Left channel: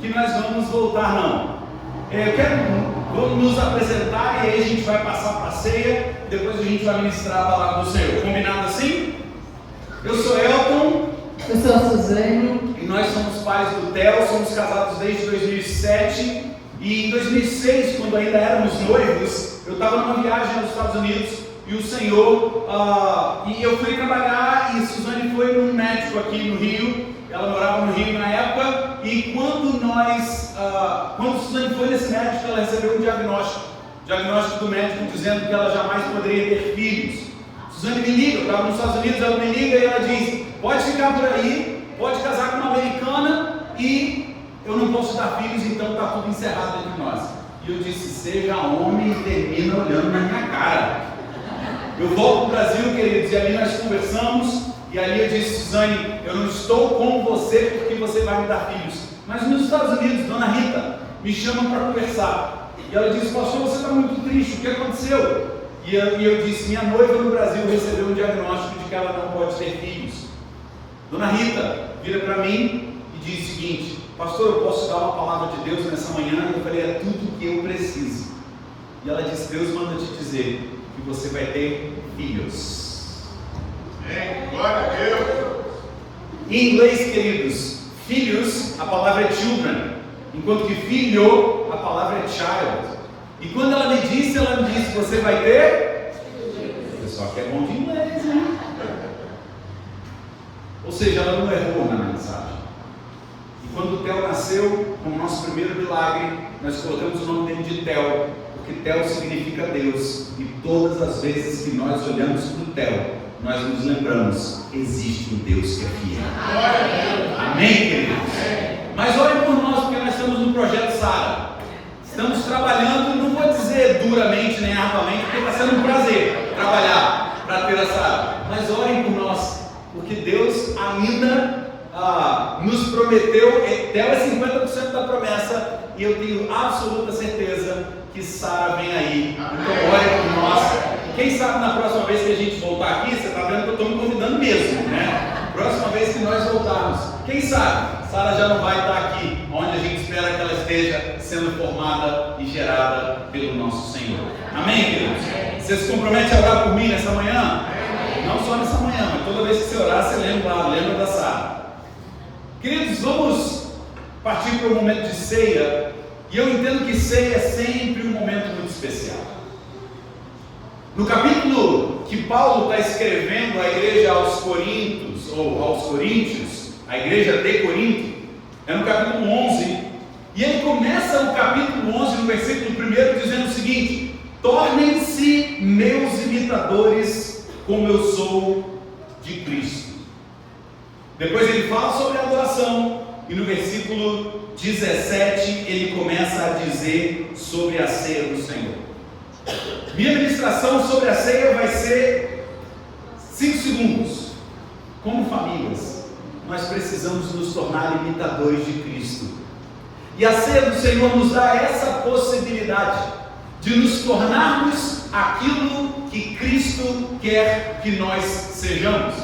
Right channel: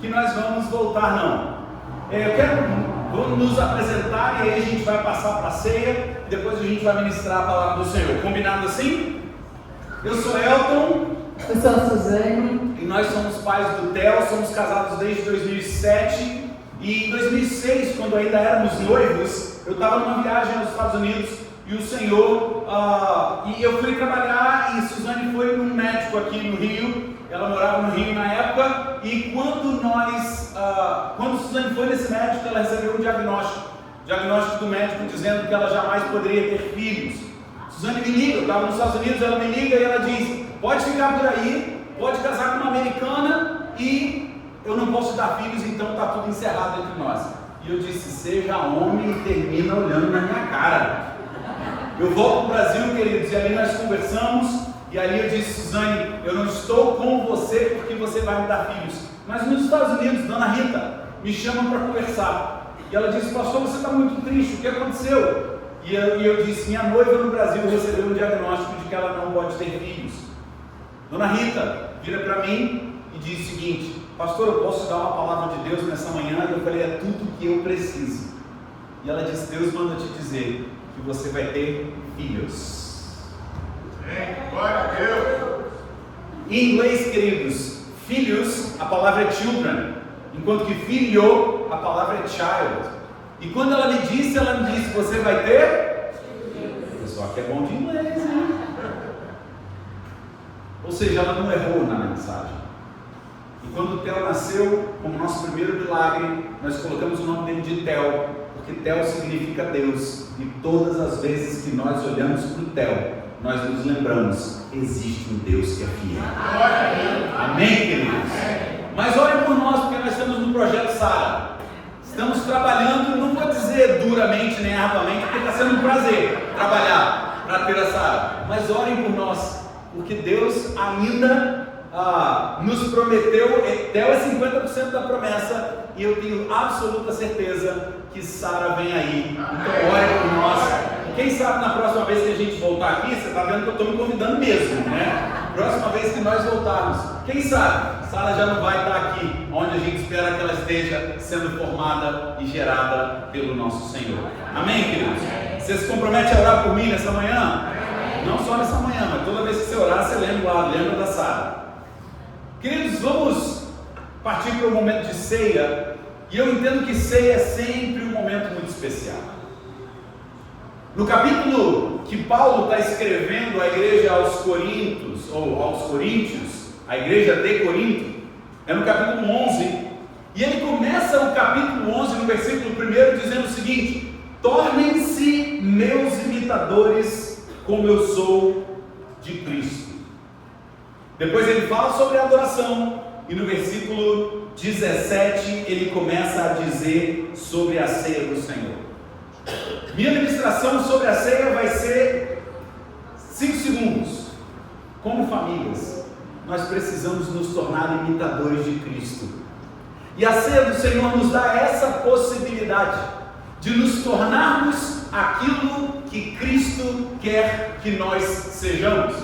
que nós vamos voltar, não. Vamos nos apresentar e aí a gente vai passar para a ceia. Depois a gente vai ministrar a palavra do Senhor. Combinado assim? Eu sou Elton. Eu sou a Suzane. E nós somos pais do Theo. Somos casados desde 2007. E em 2006, quando ainda éramos noivos, eu estava numa viagem nos Estados Unidos. E o Senhor, e eu fui trabalhar, e Suzane foi num médico aqui no Rio. Ela morava no Rio na época. E quando Suzane foi nesse médico, ela recebeu um diagnóstico do médico dizendo que ela jamais poderia ter filhos. Suzane me liga, eu estava nos Estados Unidos, ela me liga e ela diz: pode ficar por aí, pode casar com uma americana e eu não posso dar filhos, então está tudo encerrado entre nós. E eu disse: seja homem e termina olhando na minha cara. Eu volto para o Brasil, queridos, e ali nós conversamos, e ali eu disse: Suzane, eu não estou com você porque você vai me dar filhos, mas nos Estados Unidos, Dona Rita me chama para conversar, e ela disse: pastor, você está muito triste, o que aconteceu? E eu disse: minha noiva no Brasil recebeu um diagnóstico de que ela não pode ter filhos. Dona Rita vira para mim e diz o seguinte: pastor, eu posso dar uma palavra de Deus nessa manhã? E eu falei: é tudo que eu preciso. E ela disse: Deus manda te dizer que você vai ter filhos. Glória a Deus. Em inglês, queridos, filhos, a palavra é children, enquanto que filho, a palavra é child. E quando ela me disse, você vai ter? O pessoal que é bom de inglês, né? Ou seja, ela não errou na mensagem. E quando o Theo nasceu, como nosso primeiro milagre, nós colocamos o nome dele de Theo, porque Theo significa Deus. E todas as vezes que nós olhamos para o Theo, nós nos lembramos: existe um Deus que é fiel. Amém, queridos? Mas olhem por nós, porque nós estamos no projeto Sara. Estamos trabalhando, não vou dizer duramente nem arduamente, porque está sendo um prazer trabalhar para ter a Sara. Mas orem por nós, porque Deus ainda nos prometeu. Theo é 50% da promessa, e eu tenho absoluta certeza que Sara vem aí. Então orem por nós. Quem sabe na próxima vez que a gente voltar aqui, você está vendo que eu estou me convidando mesmo, né? Próxima vez que nós voltarmos, quem sabe Sara já não vai estar aqui, onde a gente espera que ela esteja sendo formada e gerada pelo nosso Senhor. Amém, queridos? Você se compromete a orar por mim nessa manhã? Não só nessa manhã, mas toda vez que você orar, você lembra da Sara. Queridos, vamos partir para o momento de ceia. E eu entendo que ceia é sempre um momento muito especial. No capítulo que Paulo está escrevendo à igreja aos Coríntios, a igreja de Corinto, é no capítulo 11, e ele começa o capítulo 11, no versículo 1, dizendo o seguinte: tornem-se meus imitadores, como eu sou de Cristo. Depois ele fala sobre a adoração, e no versículo 17 ele começa a dizer sobre a ceia do Senhor. Minha ministração sobre a ceia vai ser 5 segundos. Como famílias, nós precisamos nos tornar imitadores de Cristo. E a ceia do Senhor nos dá essa possibilidade de nos tornarmos aquilo que Cristo quer que nós sejamos.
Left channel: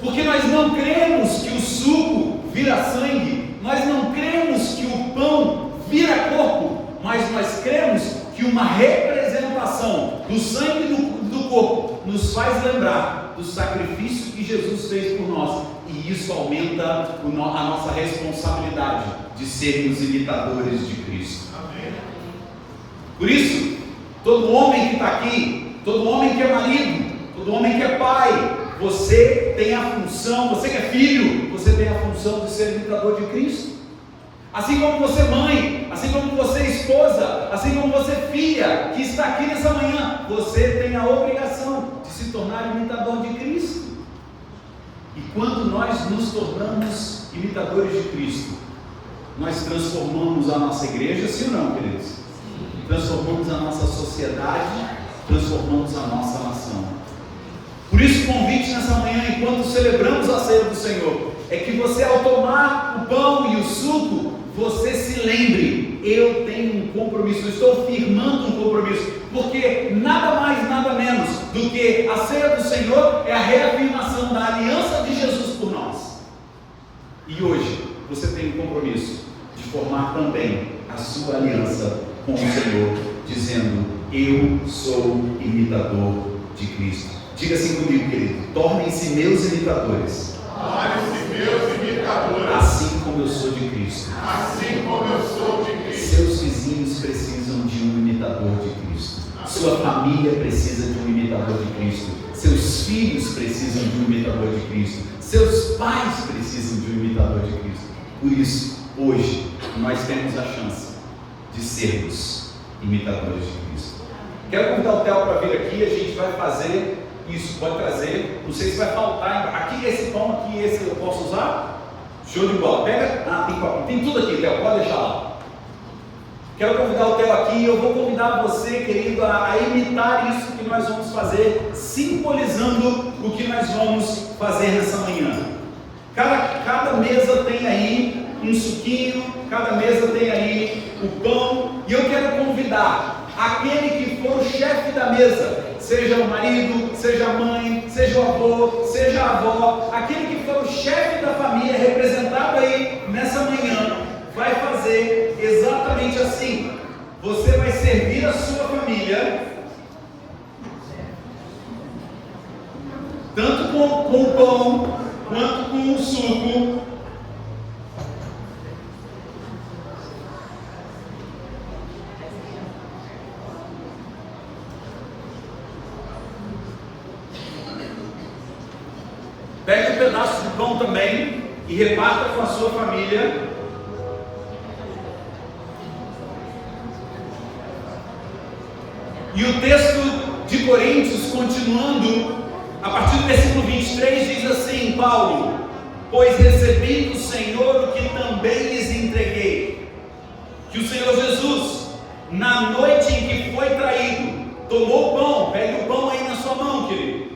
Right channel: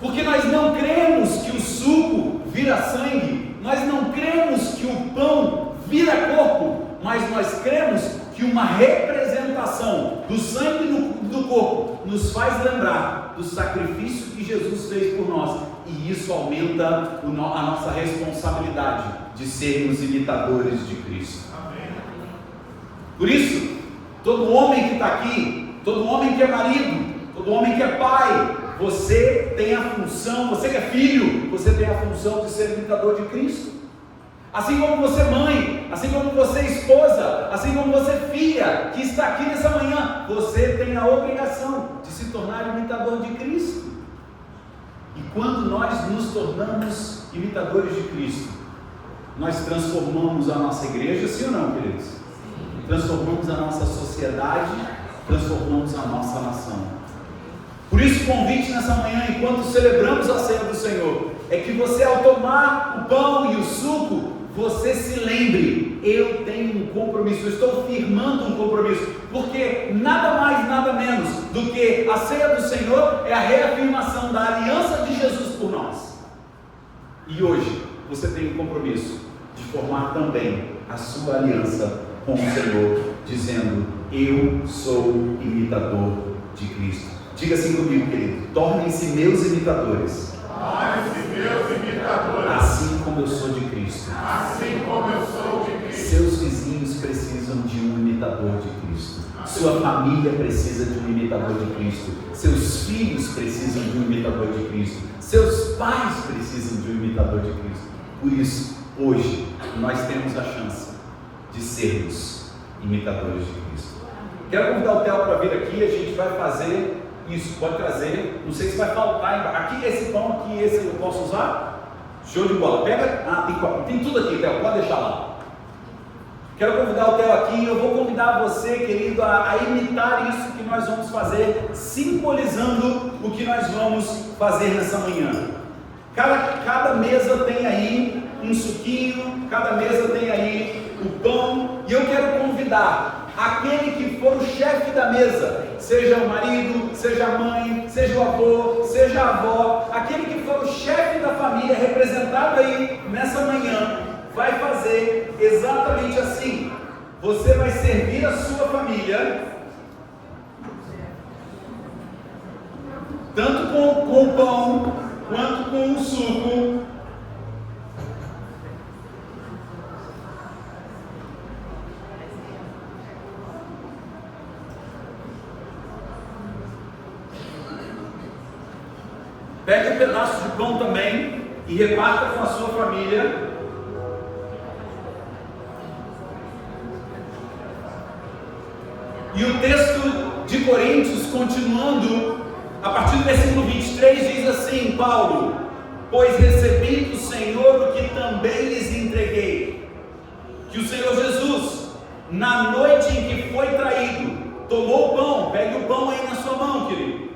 Porque nós não cremos que o suco vira sangue, nós não cremos que o pão vira corpo, mas nós cremos que uma representação do sangue do corpo nos faz lembrar do sacrifício que Jesus fez por nós, e isso aumenta a nossa responsabilidade de sermos imitadores de Cristo. Amém. Por isso, todo homem que está aqui, todo homem que é marido, todo homem que é pai, você tem a função, você que é filho, você tem a função de ser imitador de Cristo. Assim como você mãe, assim como você esposa, assim como você filha, que está aqui nessa manhã, você tem a obrigação de se tornar imitador de Cristo. E quando nós nos tornamos imitadores de Cristo, nós transformamos a nossa igreja, sim ou não, queridos? Transformamos a nossa sociedade, transformamos a nossa nação. Por isso o convite nessa manhã, enquanto celebramos a ceia do Senhor, é que você, ao tomar o pão e o suco, você se lembre: eu tenho um compromisso, eu estou firmando um compromisso, porque nada mais, nada menos do que a ceia do Senhor é a reafirmação da aliança de Jesus por nós. E hoje você tem um compromisso de formar também a sua aliança com o Senhor, dizendo: eu sou imitador de Cristo. Diga assim comigo, querido: tornem-se meus imitadores. Tornem-se meus imitadores. Assim como eu sou de Cristo. Assim como eu sou de Cristo. Seus vizinhos precisam de um imitador de Cristo. Sua família precisa de um imitador de Cristo. Seus filhos precisam de um imitador de Cristo. Seus pais precisam de um imitador de Cristo. Por isso, hoje, nós temos a chance de sermos imitadores de Cristo. Quero convidar o Theo para vir aqui. A gente vai fazer isso. Pode trazer. Não sei se vai faltar. Aqui, esse pão aqui, esse eu posso usar? Show de bola. Pega. Tem tudo aqui, Theo. Pode deixar lá. Quero convidar o Theo aqui e eu vou convidar você, querido, a imitar isso que nós vamos fazer, simbolizando o que nós vamos fazer nessa manhã. Cada mesa tem aí um suquinho, cada mesa tem aí o pão, e eu quero convidar aquele que for o chefe da mesa, seja o marido, seja a mãe, seja o avô, seja a avó, aquele que for o chefe da família, representado aí nessa manhã, vai fazer exatamente assim. Você vai servir a sua família, tanto com o pão, quanto com o suco. Pegue um pedaço de pão também e reparta com a sua família. E o texto de Coríntios, continuando, a partir do versículo 23, diz assim: Paulo: pois recebi do Senhor o que também lhes entreguei, que o Senhor Jesus, na noite em que foi traído, tomou o pão. Pegue o pão aí na sua mão, querido.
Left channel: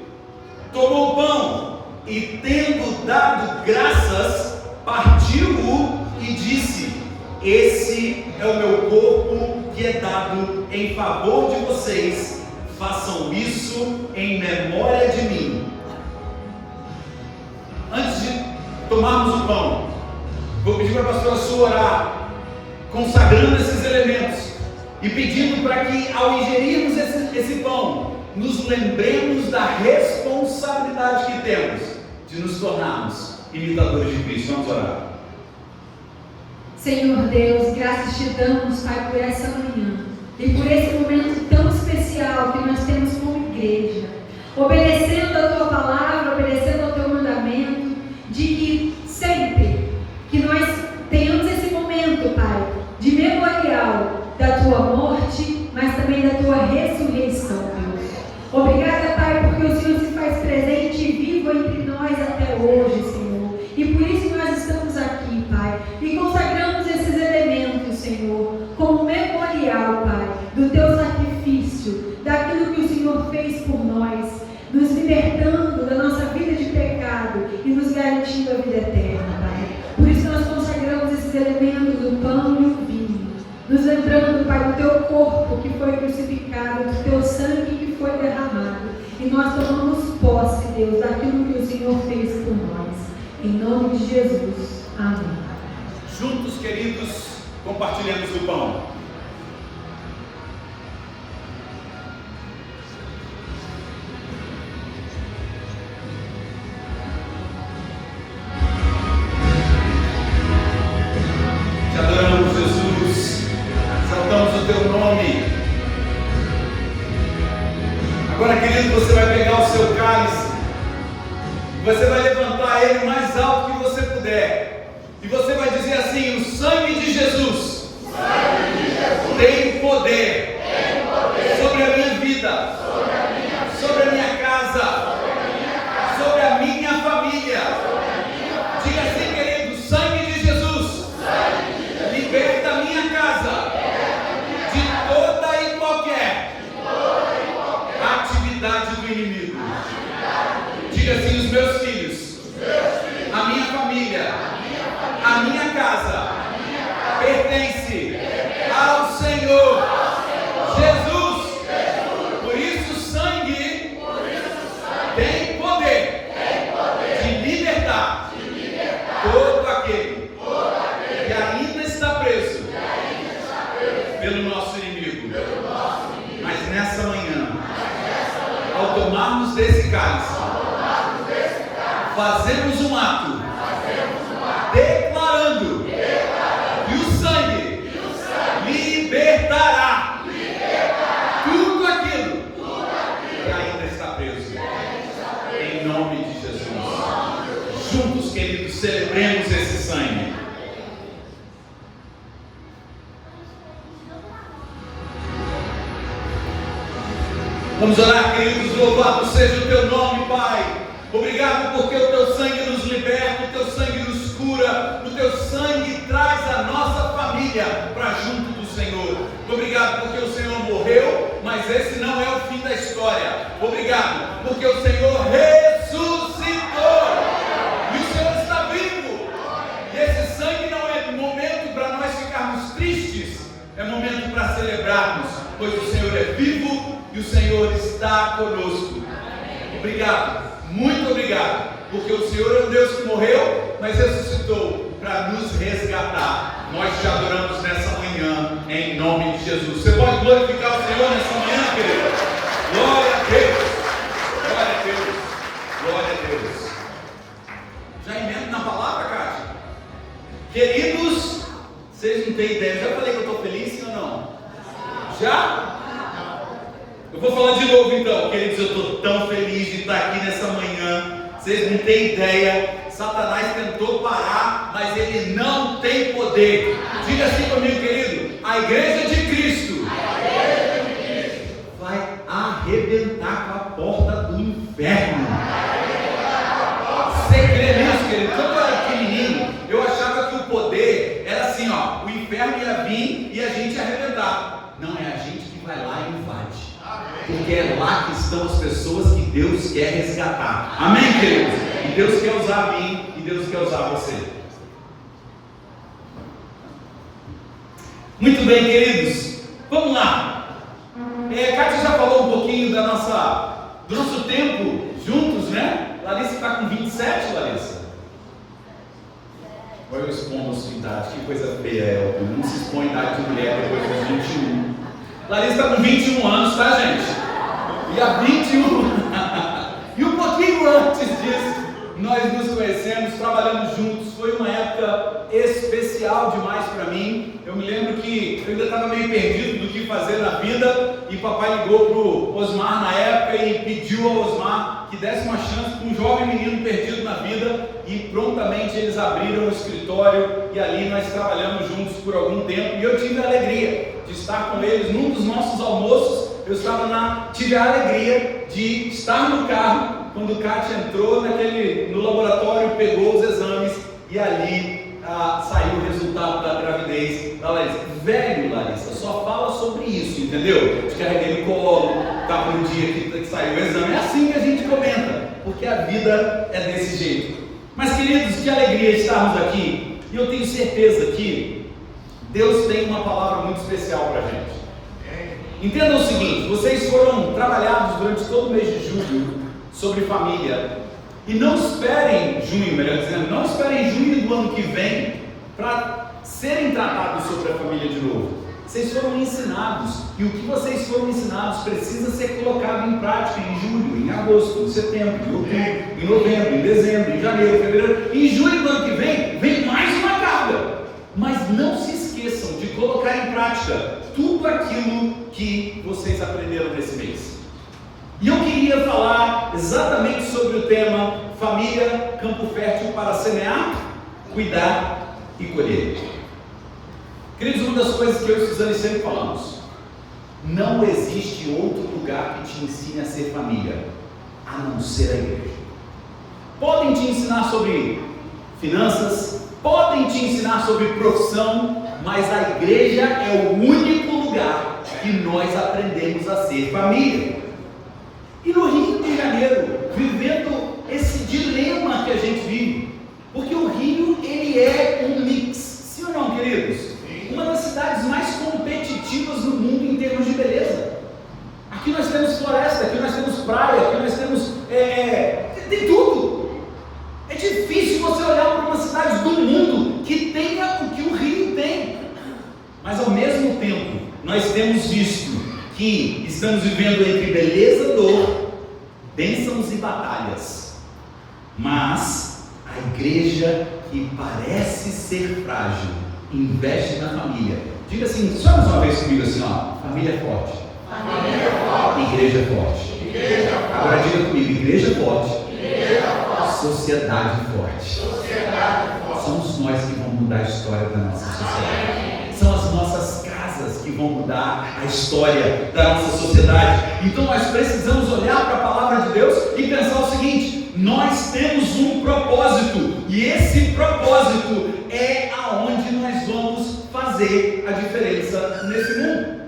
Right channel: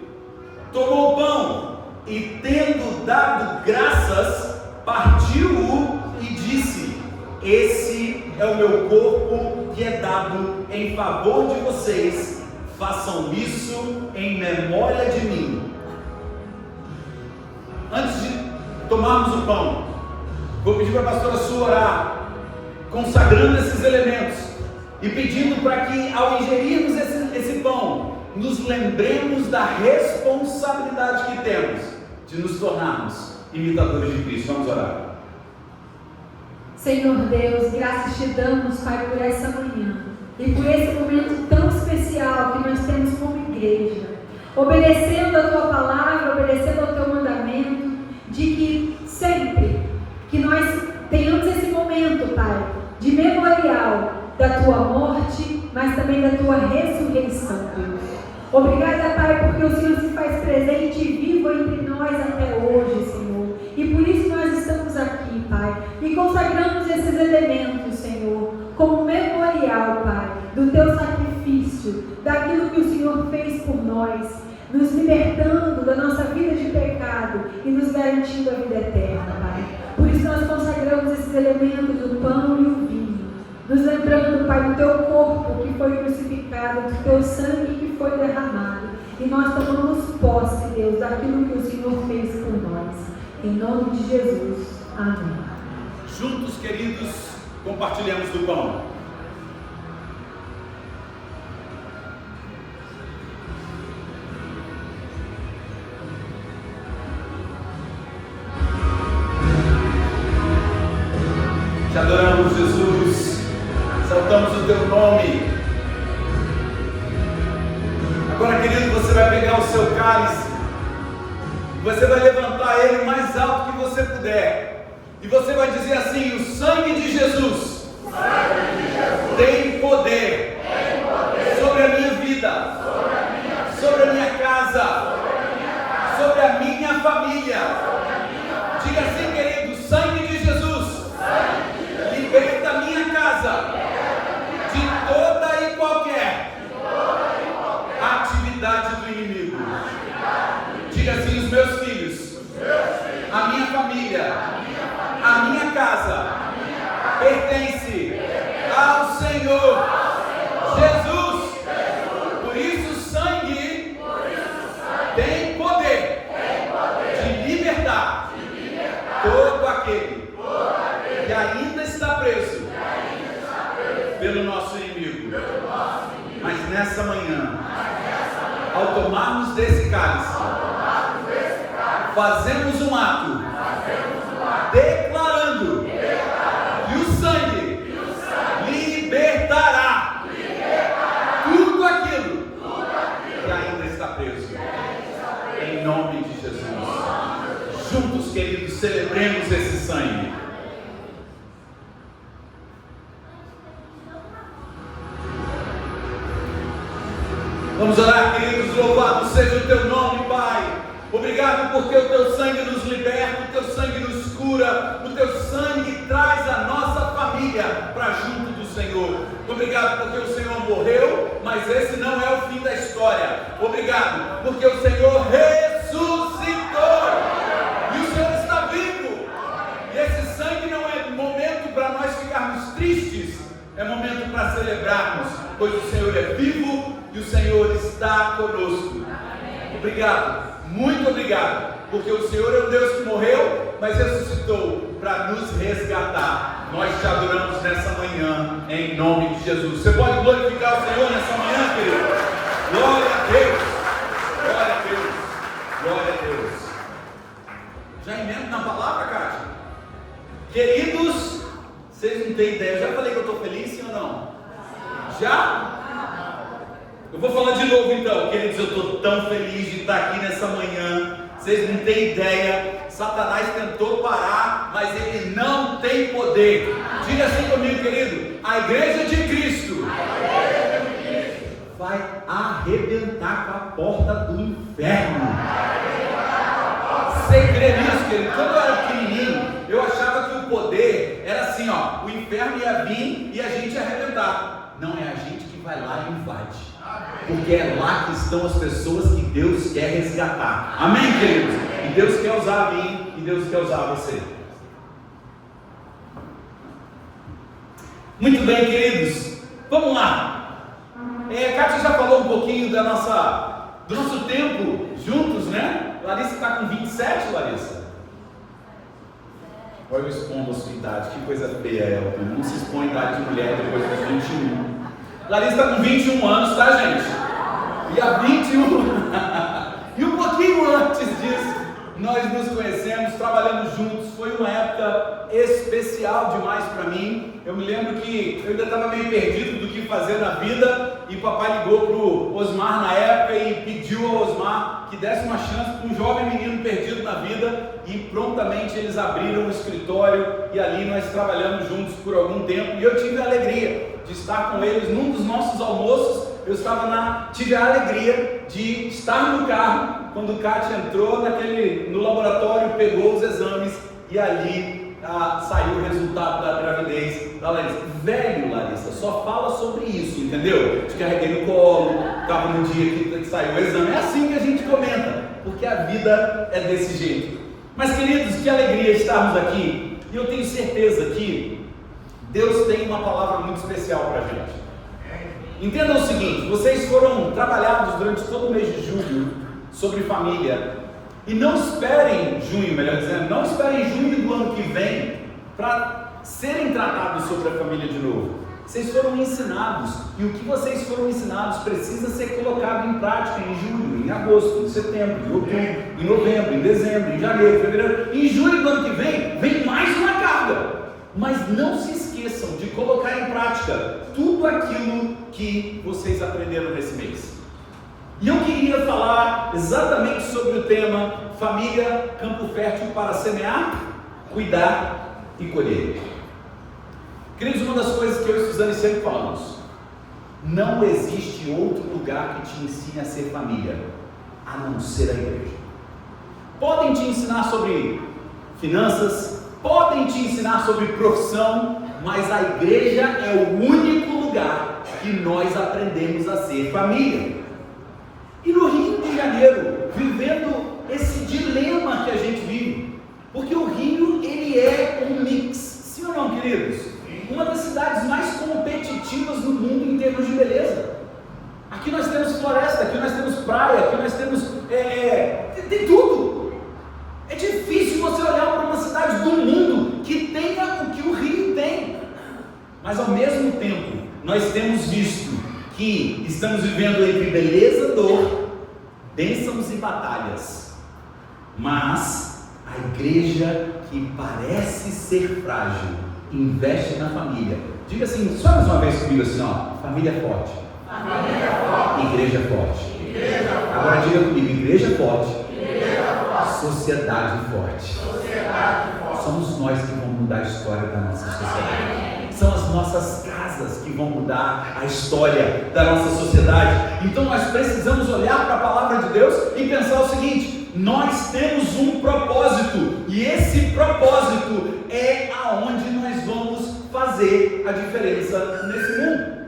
Tomou o pão e, tendo dado graças, partiu-o e disse: esse é o meu corpo que é dado em favor de vocês, façam isso em memória de mim. Antes de tomarmos o pão, vou pedir para a pastora Su orar, consagrando esses elementos e pedindo para que, ao ingerirmos esse pão, nos lembremos da responsabilidade que temos de nos tornarmos imitadores de Cristo. Vamos orar. Senhor Deus, graças te damos, Pai, por essa manhã e por esse momento tão especial que nós temos como igreja, obedecendo a tua palavra, obedecendo ao teu mandamento, de que sempre que nós tenhamos esse momento, Pai, de memorial da tua morte, mas também da tua ressurreição, Deus. Obrigada, Pai, porque o Senhor se faz presente e vivo entre nós até hoje, Senhor. E por isso nós estamos aqui, Pai, e consagramos esses elementos, Senhor, como memorial, Pai, do teu sacrifício, daquilo que o Senhor fez por nós, nos libertando da nossa vida de pecado e nos garantindo a vida eterna, Pai. Por isso nós consagramos esses elementos do pão e o vinho, nos lembrando, Pai, do teu corpo que foi crucificado, do teu sangue que foi derramado, e nós tomamos posse, Deus, daquilo que o Senhor fez por nós. Em nome de Jesus. Amém. Juntos, queridos, compartilhamos do pão. Te adoramos, Jesus. Exaltamos o teu nome. Agora, querido, você vai pegar o seu cálice. Você vai levantar ele o mais alto que você puder. E você vai dizer assim: o sangue de Jesus, tem poder sobre a minha vida, sobre a minha casa, sobre a minha família. Diga assim, querido: o sangue de Jesus liberta a minha casa de toda e qualquer atividade do inimigo. Diga assim: os meus filhos, a minha família, a minha casa pertence ao Senhor Jesus. Por isso o sangue tem poder de libertar todo aquele que ainda está pelo nosso inimigo. Mas nessa manhã, ao tomarmos desse cálice, fazemos um ato declarando que o sangue libertará tudo aquilo que ainda está preso. Em nome de Jesus. Juntos, queridos, celebremos esse sangue. Vamos orar, queridos. Louvado seja o teu nome, Pai. Obrigado porque o teu sangue nos liberta, o teu sangue nos cura, o teu sangue traz a nossa família para junto do Senhor. Obrigado porque o Senhor morreu, mas esse não é o fim da história. Obrigado porque o Senhor ressuscitou e o Senhor está vivo. E esse sangue não é momento para nós ficarmos tristes, é momento para celebrarmos, pois o Senhor é vivo e o Senhor está conosco. Obrigado. Muito obrigado, porque o Senhor é um Deus que morreu, mas ressuscitou para nos resgatar. Nós te adoramos nessa manhã, em nome de Jesus. Você pode glorificar o Senhor nessa manhã, querido? Glória a Deus, glória a Deus, glória a Deus. Já emendo na palavra, Cátia? Queridos, vocês não têm ideia, já falei que eu estou feliz, sim ou não? Já? Eu vou falar de novo então, queridos, eu estou tão feliz de estar aqui nessa manhã, vocês não têm ideia. Satanás tentou parar, mas ele não tem poder. Diga assim comigo, querido: a igreja de Cristo vai arrebentar com a porta do inferno. Você crê nisso, querido? Quando eu era pequenininho, eu achava que o poder era assim, ó, o inferno ia vir e a gente ia arrebentar. Não, é a gente que vai lá e invade. Porque é lá que estão as pessoas que Deus quer resgatar. Amém, queridos? E Deus quer usar a mim e Deus quer usar você. Muito bem, queridos. Vamos lá. Cátia já falou um pouquinho do nosso tempo juntos, né? Larissa está com 27, Larissa. Olha eu expondo a sua idade. Que coisa feia é. Não se expõe a idade de mulher depois dos 21. Larissa está com 21 anos, tá, gente? E há 21 e um pouquinho antes disso, nós nos conhecemos, trabalhamos juntos. Foi uma época especial demais para mim. Eu me lembro que eu ainda estava meio perdido do que fazer na vida, e papai ligou para o Osmar na época e pediu ao Osmar que desse uma chance para um jovem menino perdido na vida, e prontamente eles abriram o escritório e ali nós trabalhamos juntos por algum tempo, e eu tive a alegria de estar com eles num dos nossos almoços. Eu tive a alegria de estar no carro quando o Cátia entrou no laboratório, pegou os exames e ali saiu o resultado da gravidez da Larissa. Velho, Larissa, só fala sobre isso, entendeu? Te carreguei no colo, estava no dia que saiu o exame. É assim que a gente comenta, porque a vida é desse jeito. Mas, queridos, que alegria estarmos aqui, e eu tenho certeza que Deus tem uma palavra muito especial para a gente. Entendam o seguinte: vocês foram trabalhados durante todo o mês de julho sobre família, e não esperem junho, melhor dizendo, não esperem junho do ano que vem para serem tratados sobre a família de novo. Vocês foram ensinados, e o que vocês foram ensinados precisa ser colocado em prática em julho, em agosto, em setembro, em outubro, em novembro, em dezembro, em janeiro, em fevereiro. Em julho do ano que vem mais uma carga. Mas não se esqueçam de colocar em prática tudo aquilo que vocês aprenderam nesse mês. E eu queria falar exatamente sobre o tema família, campo fértil para semear, cuidar e colher. Queridos, uma das coisas que eu e Suzane sempre falamos: não existe outro lugar que te ensine a ser família, a não ser a igreja. Podem te ensinar sobre finanças, podem te ensinar sobre profissão, mas a igreja é o único lugar que nós aprendemos a ser família. E no Rio de Janeiro, vivendo esse dilema que a gente vive, porque o Rio, ele é um mix, sim ou não, queridos? Uma das cidades mais competitivas do mundo em termos de beleza. Aqui nós temos floresta, aqui nós temos praia, aqui nós temos, tem tudo. É difícil você olhar para uma cidade do mundo que tenha o que o Rio tem. Mas Mas ao mesmo tempo, nós temos visto que estamos vivendo entre beleza, dor, bênçãos e batalhas. Mas a igreja que parece ser frágil, investe na família. Diga assim, só mais uma vez comigo assim, ó, família forte. Família forte. Igreja forte. Igreja forte. Agora diga comigo, igreja forte. Igreja forte. Sociedade forte. Sociedade forte. Somos nós que vamos mudar a história da nossa sociedade. São as nossas casas que vão mudar a história da nossa sociedade. Então nós precisamos olhar para a palavra de Deus e pensar o seguinte: nós temos um propósito, e esse propósito é aonde nós vamos fazer a diferença nesse mundo.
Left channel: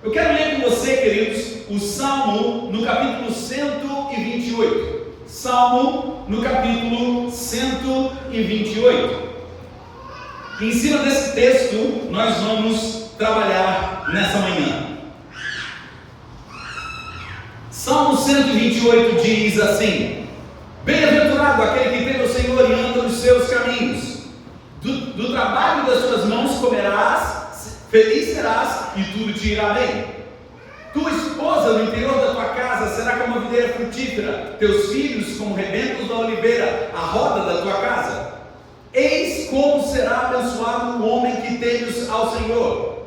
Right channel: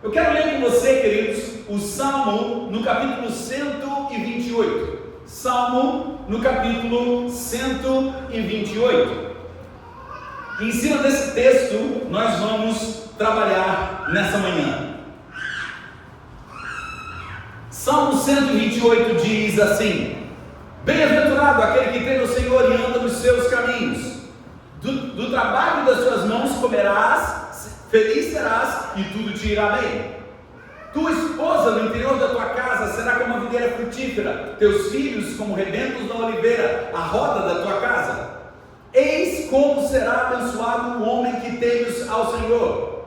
Eu quero ler com você, queridos, o Salmo no capítulo 128. Salmo no capítulo 128. Em cima desse texto, nós vamos trabalhar nessa manhã. Salmo 128 diz assim: bem-aventurado aquele que teme o Senhor e anda nos seus caminhos. Do trabalho das suas mãos comerás, feliz serás e tudo te irá bem. Tua esposa no interior da tua casa será como a videira frutífera, teus filhos como rebentos da oliveira, a roda da tua casa. Eis como será abençoado o homem que temes ao Senhor.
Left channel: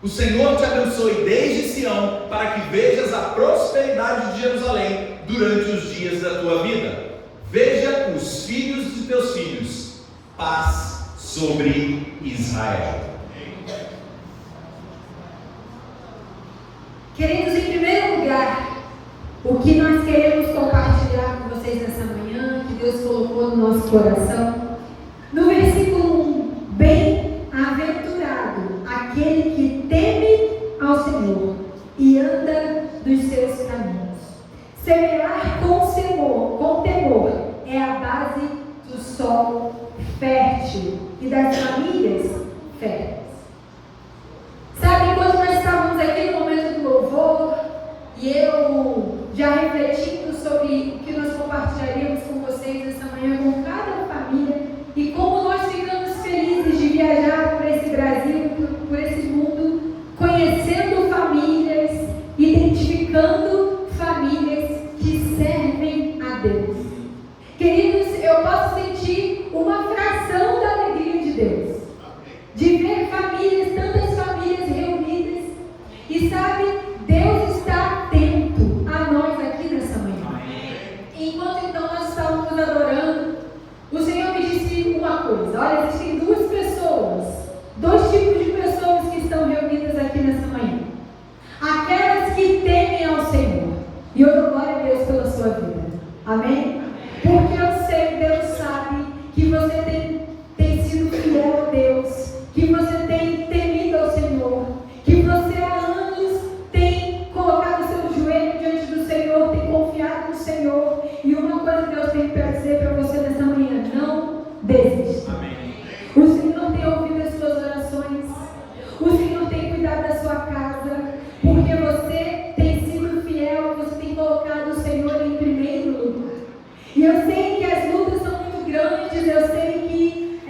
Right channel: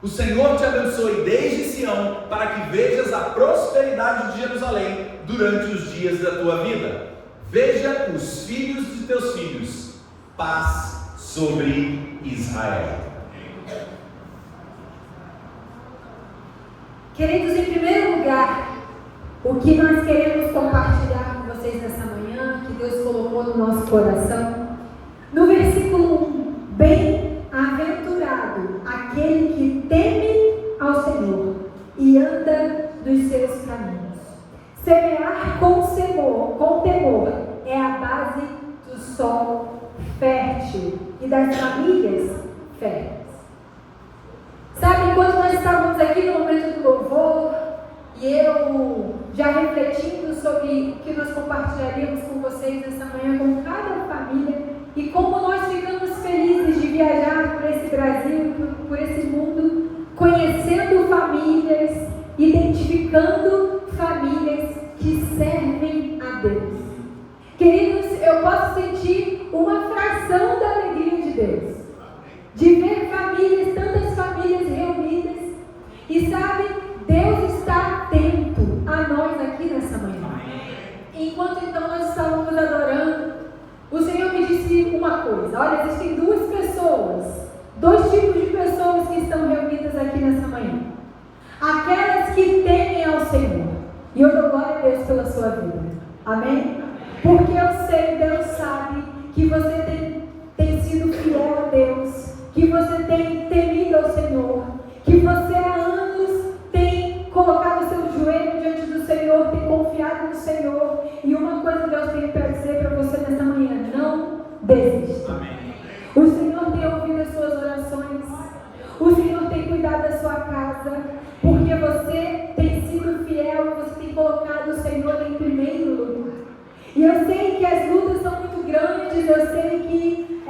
O Senhor te abençoe desde Sião, para que vejas a prosperidade de Jerusalém durante os dias da tua vida. Veja os filhos de teus filhos, paz sobre Israel. Queridos, em primeiro lugar, o que nós queremos compartilhar com vocês nessa manhã, que Deus colocou no nosso coração, no versículo 1, bem-aventurado aquele que teme ao Senhor e anda nos seus caminhos. Semear com temor é a base do solo fértil e das famílias férteis. Sabe, enquanto nós estávamos aqui no momento do louvor, e eu já refletindo sobre o que nós compartilharíamos com vocês nessa manhã, com cada família, e como nós ficamos felizes de viajar por esse Brasil, por esse mundo, conhecendo famílias, identificando famílias que servem a Deus. Queridos, eu posso sentir uma fração da alegria de Deus, de ver famílias, tantas famílias reunidas, e sabe, Deus está atento a nós aqui nessa manhã. Enquanto então nós estávamos adorando, o Senhor me disse uma coisa: olha, existem dois tipos de pessoas que estão reunidas aqui nessa manhã. Aquelas que temem ao Senhor, e eu dou glória a Deus pela sua vida, amém? Porque eu sei, Deus sabe que você tem sido fiel a Deus, que você tem temido ao Senhor, que você há anos tem colocado seu joelho diante do Senhor, tem confiado no Senhor. E uma coisa Deus tem para dizer para você nessa manhã: não desista. Amém. O Senhor tem ouvido as suas orações, o Senhor tem cuidado da sua casa, porque você tem sido fiel, você tem colocado o Senhor em primeiro lugar. E eu sei que as lutas são muito grandes, eu sei que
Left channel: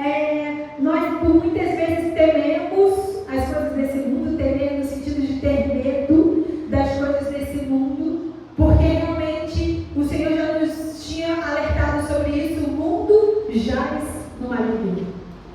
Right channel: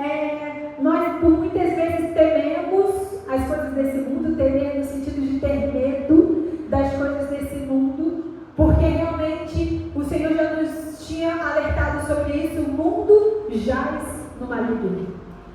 nós por muitas vezes tememos as coisas desse mundo, tememos no sentido de ter medo das coisas desse mundo, porque realmente o Senhor já nos tinha alertado sobre isso: o mundo jaz no maligno,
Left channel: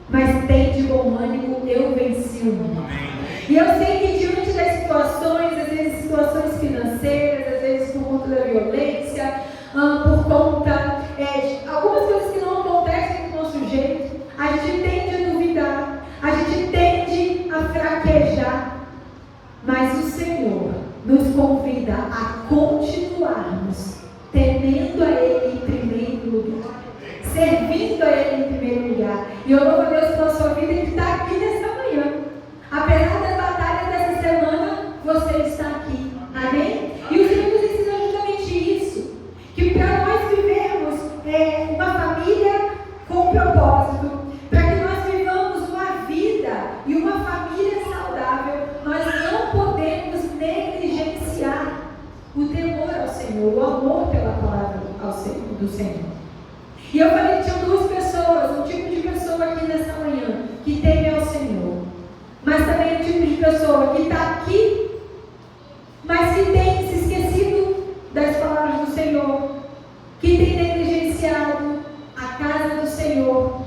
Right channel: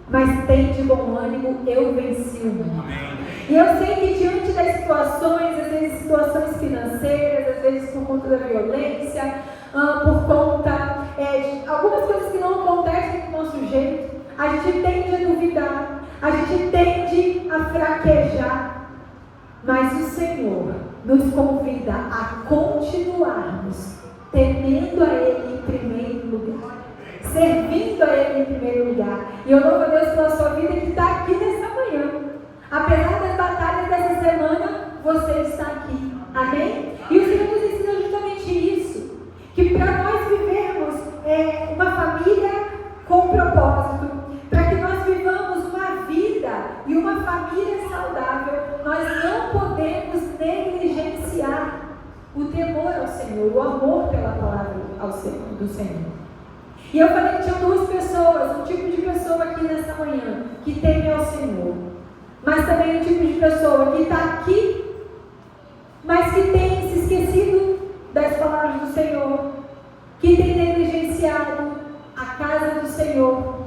mas tem de bom ânimo, eu venci o mundo. Amém. E eu sei que diante das situações, às vezes situações financeiras, às vezes por conta da violência, por conta de algumas coisas que não acontecem do nosso jeito, a gente tende a duvidar, a gente tende a fraquejar, mas o Senhor nos convida a continuarmos temendo a Ele em primeiro lugar, servindo a Ele em primeiro lugar. E eu louvo a Deus pela sua vida que está aqui nessa manhã. Apesar das batalhas dessa semana, você está aqui. Amém? E o Senhor nos ensina justamente isso, que para nós vivermos uma família com propósito, para que nós vivamos uma vida e uma família saudável, nós não podemos negligenciar o temor ao Senhor, o amor pela palavra do Senhor. E eu falei que tinha duas pessoas, um tipo de pessoa aqui nessa manhã, que teme ao Senhor, mas pessoa que está aqui, mas que tem se esquecido das palavras do Senhor, que tem negligenciado a casa do Senhor.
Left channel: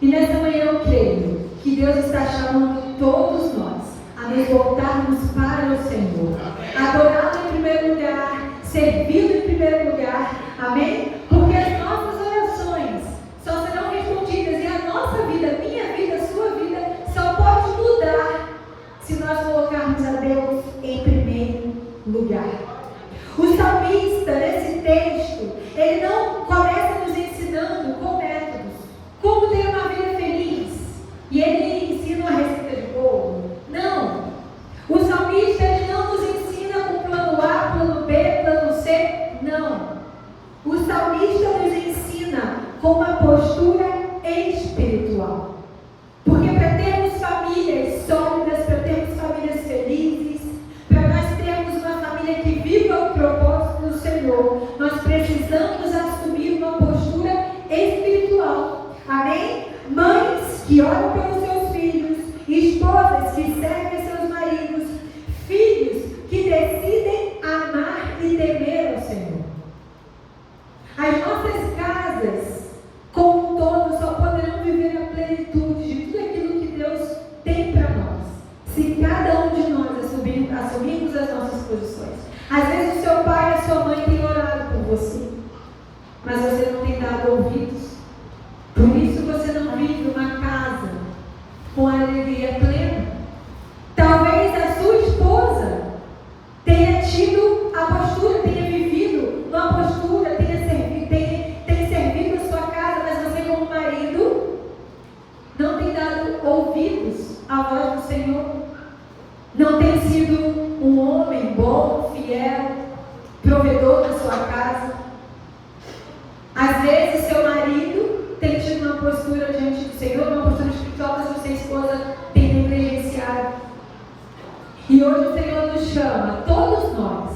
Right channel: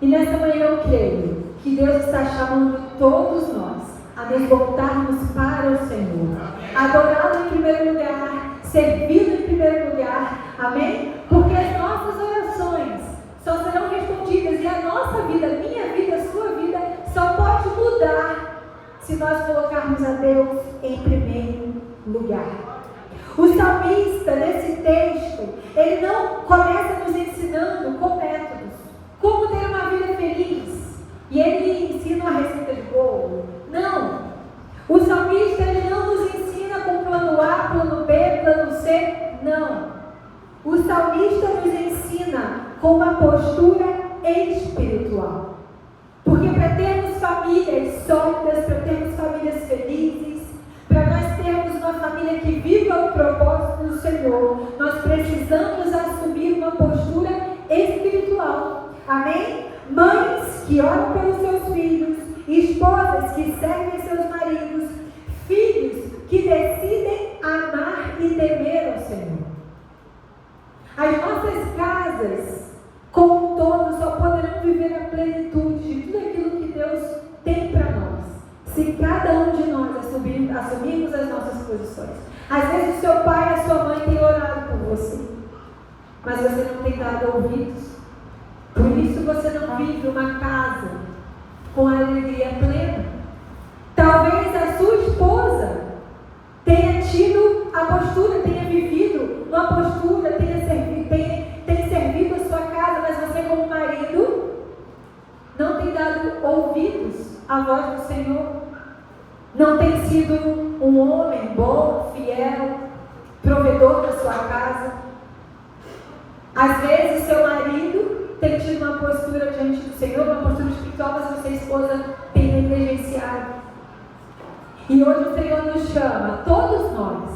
E nessa manhã eu creio que Deus está chamando todos nós a nos voltarmos para o Senhor, adorá-lo em primeiro lugar, servi-lo em primeiro lugar, amém? Porque as nossas orações só serão respondidas e a nossa vida, minha vida, sua vida, só pode mudar se nós colocarmos a Deus em primeiro lugar. O salmista, nesse texto, ele não começa nos ensinando com métodos, como ter uma vida feliz, e ele ensina uma receita de bolo. Não. O salmista não nos ensina com plano A, plano B, plano C. Não. O salmista nos ensina com uma postura espiritual. Porque para termos famílias sólidas, para termos famílias felizes, para nós termos uma família que viva o propósito do Senhor, nós precisamos assumir uma postura espiritual. Amém? Mães que oram pelos seus filhos, esposas que servem a seus maridos, filhos que decidem amar e temer ao Senhor. As nossas casas, como um todo, só poderão viver a plenitude de tudo aquilo que Deus tem para nós, se cada um de nós assumirmos as nossas posições. Às vezes o seu pai e a sua mãe têm orado por você, mas você não tem dado ouvidos. Por isso você não vive uma casa com alegria plena. Talvez a sua esposa tenha tido a postura, tenha vivido uma postura, tenha servido a sua casa, mas você como marido não tem dado ouvidos à voz do Senhor. Não tem sido um homem bom, fiel, provedor da sua casa. Às vezes seu marido tem tido uma postura diante do Senhor, uma postura espiritual, mas sua esposa tem negligenciado. E hoje o Senhor nos chama, todos nós,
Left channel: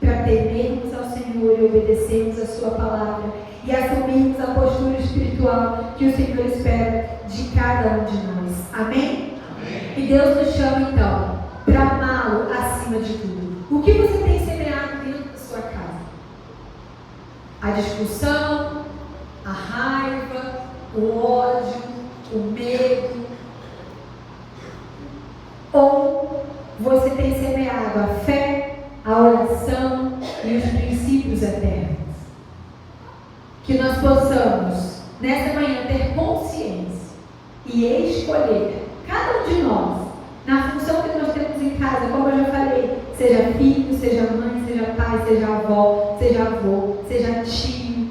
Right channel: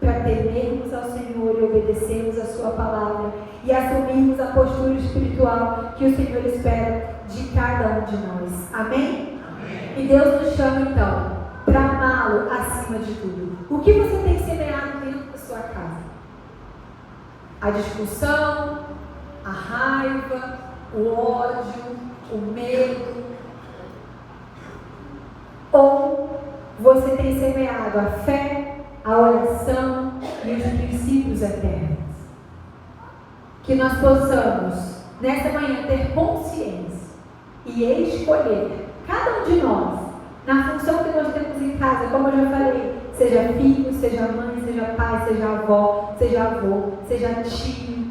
para temermos ao Senhor e obedecermos a sua palavra e assumirmos a postura espiritual que o Senhor espera de cada um de nós. Amém? Amém. E Deus nos chama então para amá-lo acima de tudo. O que você tem semeado dentro da sua casa? A discussão, a raiva, o ódio, o medo? Ou você tem semeado a fé, a oração e os princípios eternos? Que nós possamos, nessa manhã, ter consciência e escolher, cada um de nós, na função que nós temos em casa, como eu já falei, seja filho, seja mãe, seja pai, seja avó, seja avô, seja tio.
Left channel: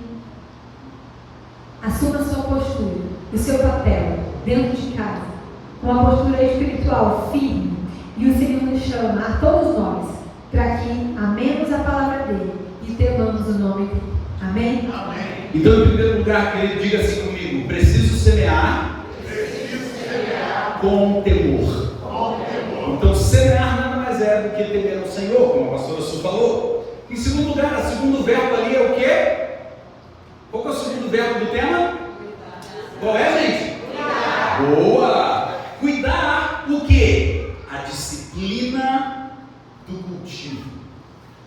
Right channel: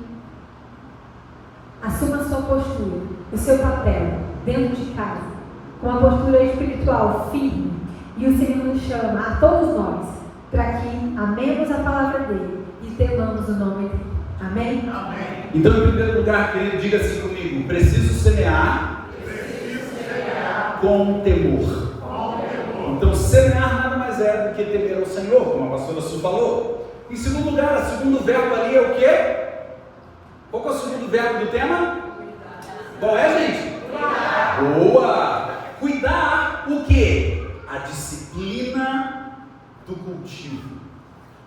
Assuma a sua postura, o seu papel dentro de casa, com uma postura espiritual firme. E o Senhor nos chama a todos nós para que amemos a palavra dele e temamos o nome dele. Amém? Amém. Então, em primeiro lugar, querido, diga assim comigo: preciso semear com temor. Então, semear nada mais é do que temer ao Senhor, como a pastora Su falou. Em segundo lugar, o segundo verbo ali é o quê? Qual que é o segundo verbo do tema? Qual é, gente? Cuidar. Boa! Cuidar o quê? A disciplina do cultivo.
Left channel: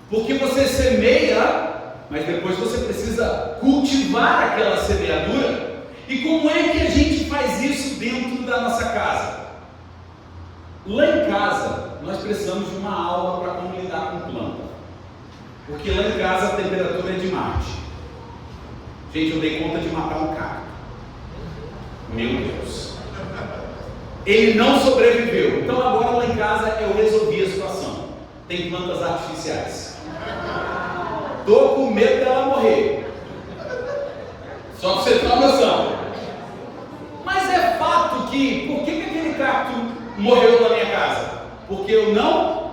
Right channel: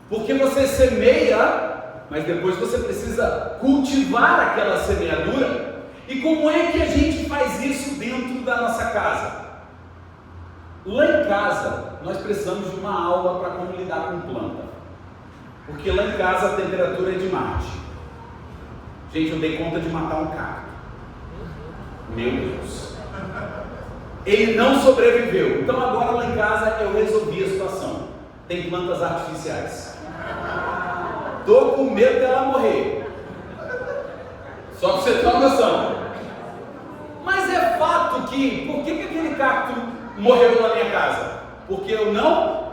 Porque você semeia, mas depois você precisa cultivar aquela semeadura. E como é que a gente faz isso dentro da nossa casa? Lá em casa, nós precisamos de uma aula para como lidar com planta. Porque lá em casa a temperatura é de Marte. Gente, eu dei conta de matar um cacto. Meu Deus. Ele não sobreviveu. Então agora lá em casa eu resolvi a situação. Tem plantas artificiais. Estou com medo dela morrer. Só que você tem uma noção. Mas é fato que, por que aquele cacto morreu na minha casa? Porque eu não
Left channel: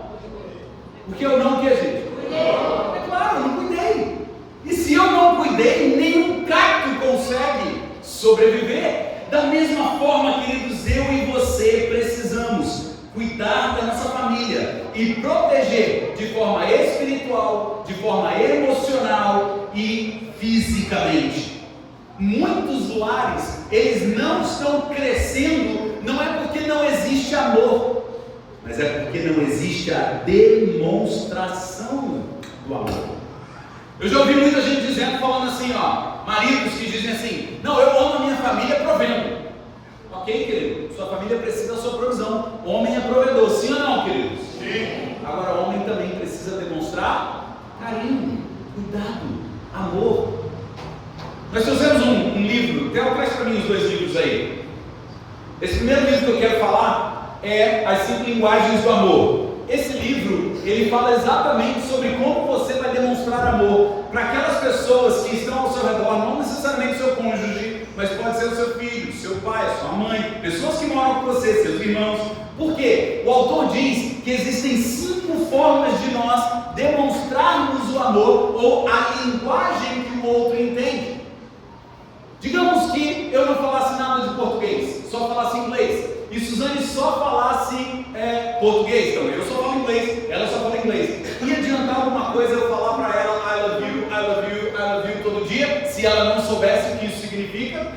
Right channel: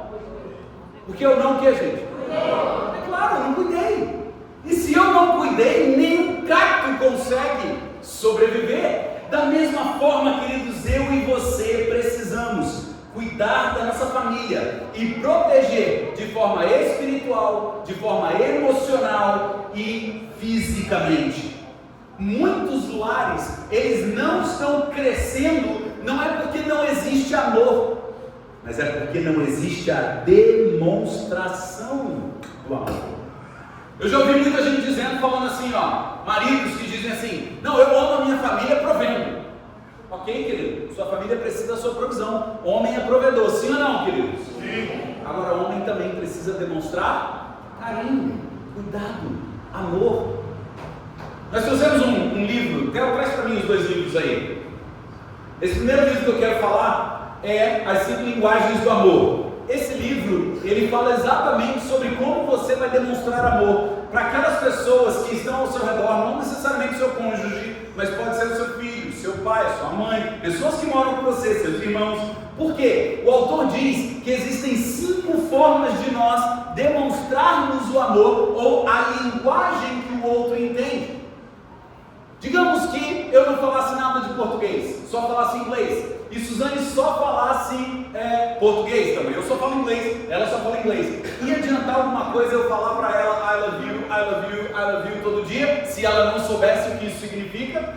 o que, gente? É claro, eu não cuidei. E se eu não cuidei, nenhum cacto consegue sobreviver. Da mesma forma, queridos, eu e você precisamos cuidar da nossa família e proteger de forma espiritual, de forma emocional e fisicamente. Muitos lares, eles não estão crescendo, não é porque não existe amor, mas mas é porque não existe a demonstração do amor. Eu já ouvi muita gente dizendo, falando assim, maridos que dizem assim: não, eu amo a minha família provendo. Ok, querido? Sua família precisa da sua provisão. Homem é provedor, sim ou não, queridos? Sim. Agora, homem também precisa demonstrar carinho, cuidado, amor. Nós trouxemos um livro, Theo, traz para mim os 2 livros aí. Esse primeiro livro que eu quero falar é As 5 Linguagens do Amor. Esse livro, ele fala exatamente sobre como você vai demonstrar amor para aquelas pessoas que estão ao seu redor, não necessariamente seu cônjuge, mas pode ser o seu filho, seu pai, sua mãe, pessoas que moram com você, seus irmãos. Por quê? O autor diz que existem 5 formas de nós demonstrarmos o amor ou a linguagem que o outro entende. Digamos que eu não falasse nada de português, só falasse inglês, e Suzane só falasse português também. Eu só falo inglês, ela só fala inglês. Ia adiantar alguma coisa eu falar para ela I love you, I love you, I love you todo dia, se ela não soubesse o que isso significa?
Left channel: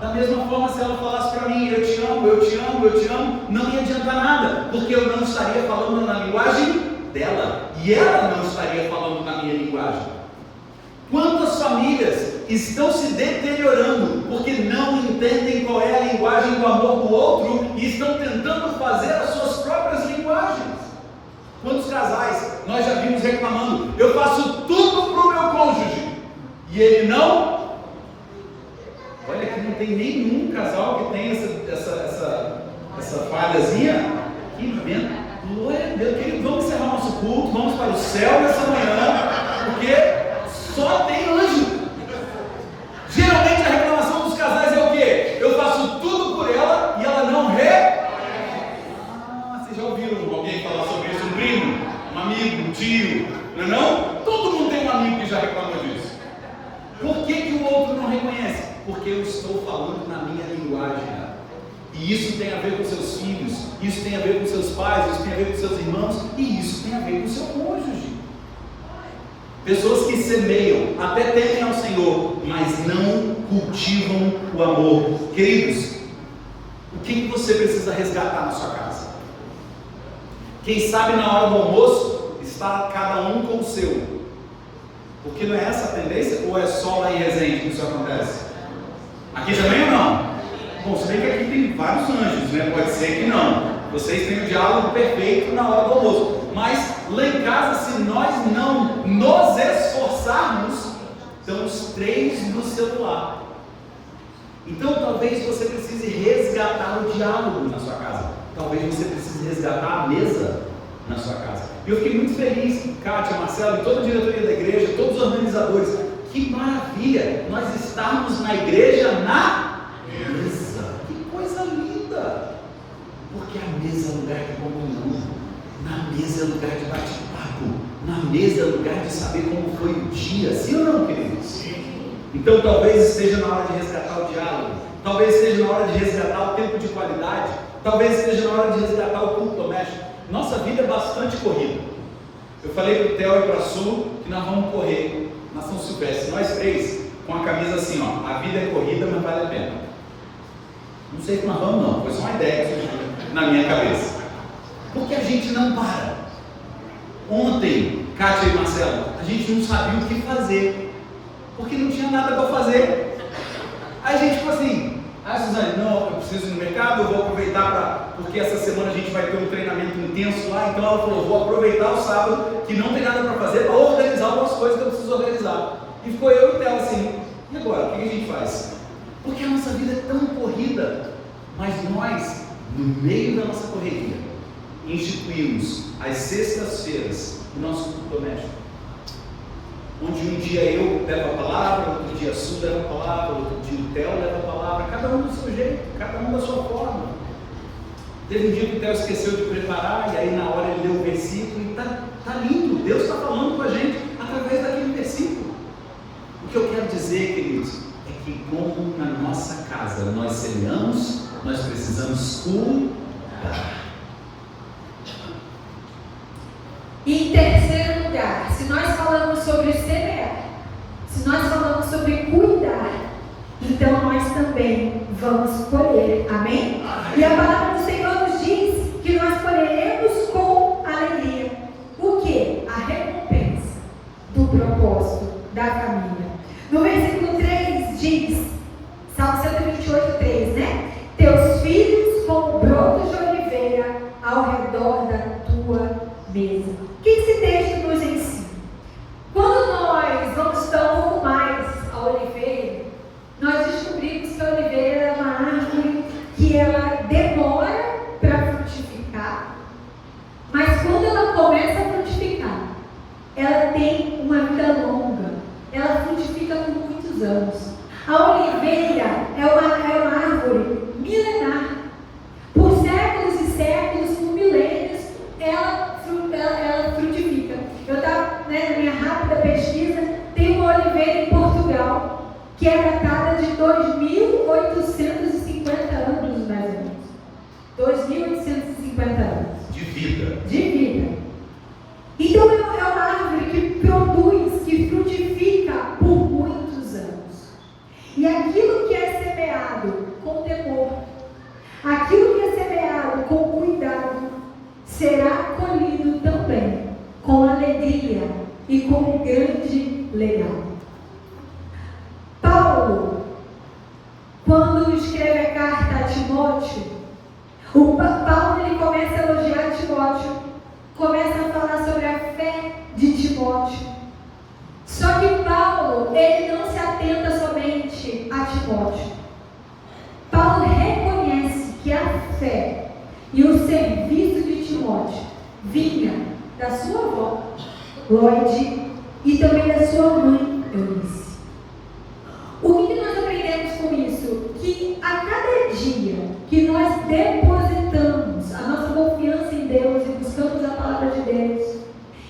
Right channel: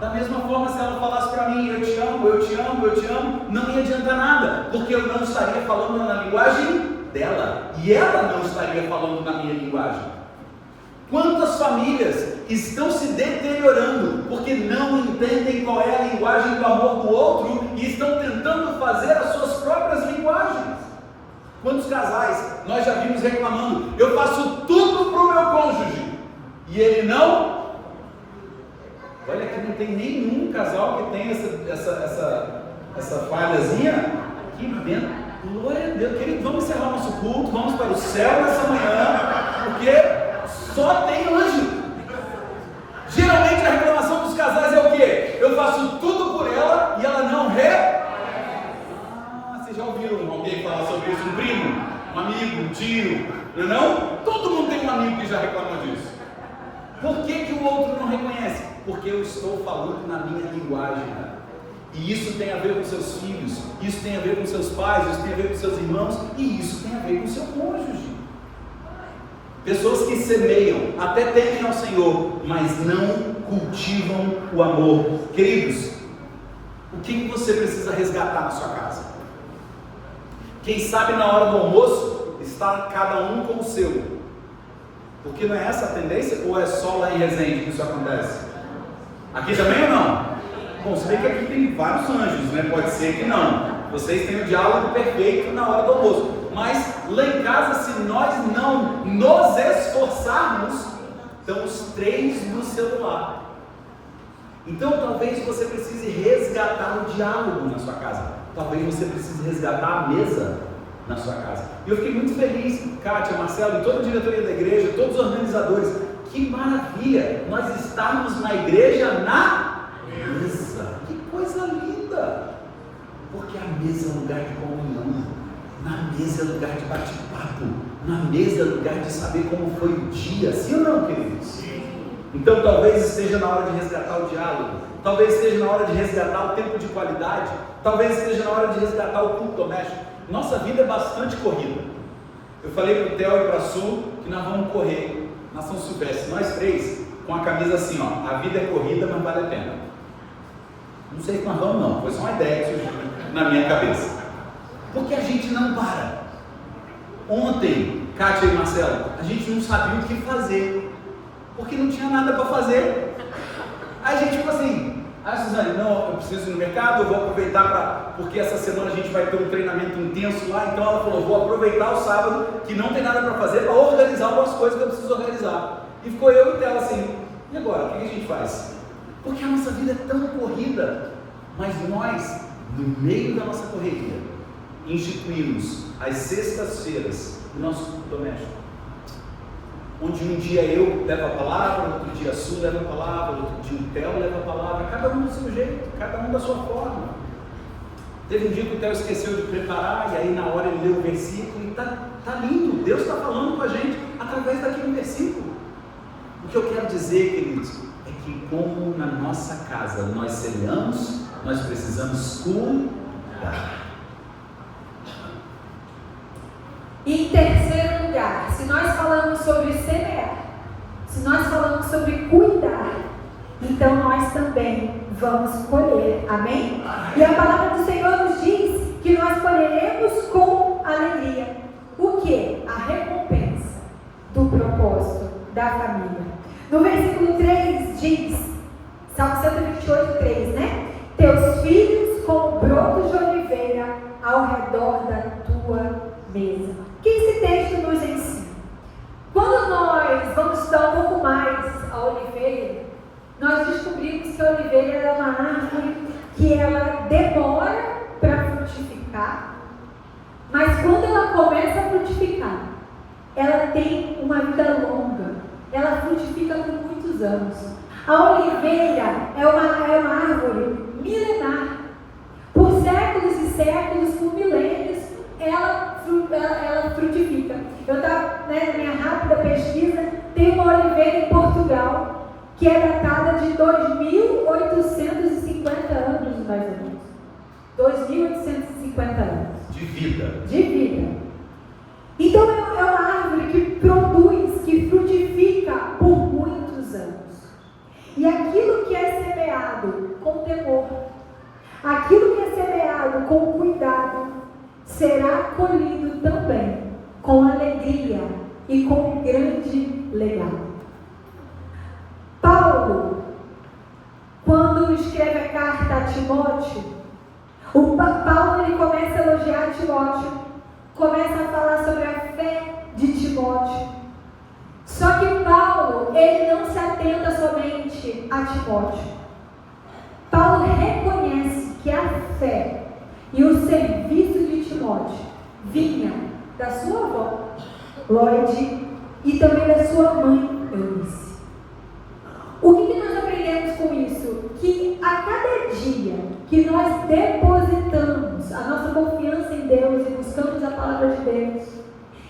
Da mesma forma, se ela falasse para mim eu te amo, eu te amo, eu te amo, não ia adiantar nada, porque eu não estaria falando na linguagem dela, e ela não estaria falando na minha linguagem. Quantas famílias estão se deteriorando porque não entendem qual é a linguagem do amor do outro e estão tentando fazer as suas próprias linguagens? Quantos casais nós já vimos reclamando: eu faço tudo para o meu cônjuge e ele não? Olha que não tem nenhum casal que tem essa falhazinha. Que bem, glória a Deus, querido, vamos encerrar nosso culto, vamos para o céu nessa manhã, porque só tem anjo. Geralmente a reclamação dos casais é o quê? Eu faço tudo por ela e ela não vocês já ouviram alguém falar sobre isso? Um primo, um amigo, um tio, não é não? Todo mundo tem um amigo que já reclamou disso. Por que o outro não reconhece? Porque eu estou falando na minha linguagem. E isso tem a ver com seus filhos, isso tem a ver com seus pais, isso tem a ver com seus irmãos, e isso tem a ver com seu cônjuge. Pessoas que semeiam, até temem ao Senhor, mas não cultivam o amor. Queridos, o que você precisa resgatar na sua casa? Quem sabe na hora do almoço, está cada um com o seu. Porque não é essa a tendência? Ou é só lá em Resende que isso acontece? Aqui também ou não? Bom, se bem que aqui tem vários anjos, né? Pode ser que não. Vocês têm o diálogo perfeito na hora do almoço. Mas lá em casa, se nós não nos esforçarmos, estamos 3 no celular. Então talvez você precise resgatar o diálogo na sua casa. Talvez você precise resgatar a mesa na sua casa. E eu fiquei muito feliz, Kátia, Marcelo e toda a diretoria da igreja, todos os organizadores. Que maravilha nós estarmos na igreja na mesa. Que coisa linda! Porque a mesa é lugar de comunhão. Na mesa é lugar de bate-papo. Na mesa é lugar de saber como foi o dia. Sim ou não, queridos? Sim. Então talvez esteja na hora de resgatar o diálogo. Talvez esteja na hora de resgatar o tempo de qualidade. Talvez esteja na hora de resgatar o culto doméstico. Nossa vida é bastante corrida. Eu falei para o Theo e para a Su que nós vamos correr na São Silvestre. Nós 3, com a camisa assim, ó. A vida é corrida, mas vale a pena. Não sei se nós vamos não. Foi só uma ideia que surgiu na minha cabeça. Porque a gente não para. Ontem, Kátia e Marcelo, a gente não sabia o que fazer, porque não tinha nada para fazer. Aí a gente ficou assim: Suzane, não, eu preciso ir no mercado, eu vou aproveitar porque essa semana a gente vai ter um treinamento intenso lá. Então ela falou: vou aproveitar o sábado, que não tem nada para fazer, para organizar algumas coisas que eu preciso organizar. E ficou eu e ela assim: e agora, o que a gente faz? Porque a nossa vida é tão corrida, mas nós, no meio da nossa correria, instituímos às sextas-feiras o nosso culto doméstico, onde um dia eu levo a palavra, outro dia a Su leva a palavra, outro dia o Theo leva a palavra, cada um do seu jeito, cada um da sua forma. Teve um dia que o Theo esqueceu de preparar, e aí na hora ele leu o versículo, e tá lindo, Deus está falando com a gente através daquele versículo. O que eu quero dizer, queridos, é que como na nossa casa nós semeamos, nós precisamos cuidar. E em terceiro lugar, se nós falamos sobre semear, se nós falamos sobre cuidar, então nós também vamos colher, amém? E a palavra do Senhor nos diz que nós colheremos colheremos com alegria. O que? A recompensa do propósito da família. No versículo 3 diz, Salmo 128, 3, né? Teus filhos como brotos de oliveira ao redor da tua mesa. O que esse texto nos ensina? Quando nós vamos estudar um pouco mais a oliveira, nós descobrimos que a oliveira é uma árvore que ela demora para frutificar, mas quando ela começa a frutificar, ela tem uma vida longa, ela frutifica por muitos anos. A oliveira é uma árvore milenar. Por séculos e séculos, por milênios, ela frutifica. Eu estava, na minha rápida pesquisa, tem uma oliveira em Portugal, que é datada de 2.850 anos, mais ou menos. 2.850 anos. De vida. De vida. Então é uma árvore que produz, que frutifica por muitos anos. E aquilo que é semeado com temor, aquilo que é semeado com cuidado, será colhido também com alegria e com grande legado. Paulo, quando escreve a carta a Timóteo, Paulo ele começa a elogiar Timóteo, começa a falar sobre a fé de Timóteo. Só que Paulo, ele não se atenta somente a Timóteo. Paulo reconhece que a fé e o serviço de Timóteo vinha da sua avó, Lloyd, e também da sua mãe, Eunice. O que nós aprendemos com isso? Que a cada dia que nós depositamos a nossa confiança em Deus e buscamos a palavra de Deus,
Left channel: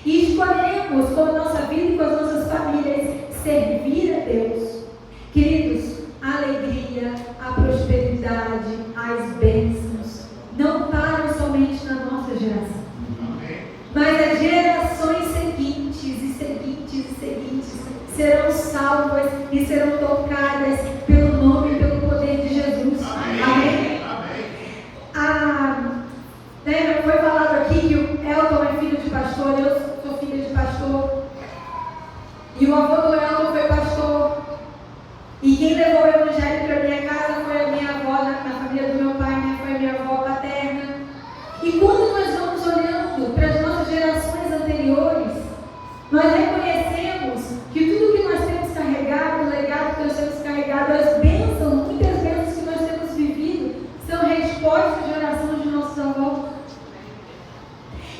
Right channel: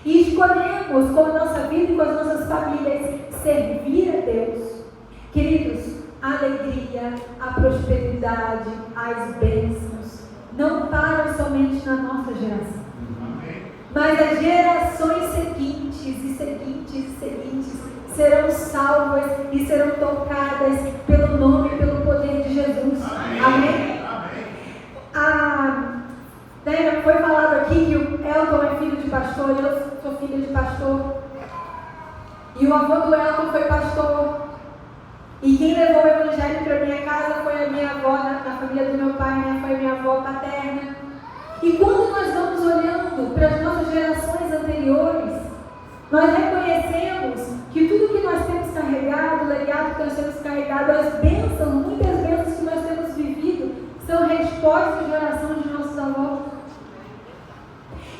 e escolhemos com a nossa vida e com as nossas famílias servir a Deus, queridos, a alegria, a prosperidade, as bênçãos não param somente na nossa geração, mas as gerações seguintes e seguintes e seguintes serão salvas e serão tocadas pelo nome e pelo poder de Jesus. Amém? Foi falado aqui que o Elton é filho de pastor, eu sou filha de pastor, e o avô do Elton foi pastor, e quem levou o evangelho para minha casa foi a minha avó, na família do meu pai, né? Foi a minha avó paterna. E quando nós vamos olhando para as nossas gerações anteriores, nós reconhecemos que tudo que nós temos carregado, o legado que nós temos carregado, as bênçãos, muitas bênçãos que nós temos vivido, são respostas de oração de nossos avós.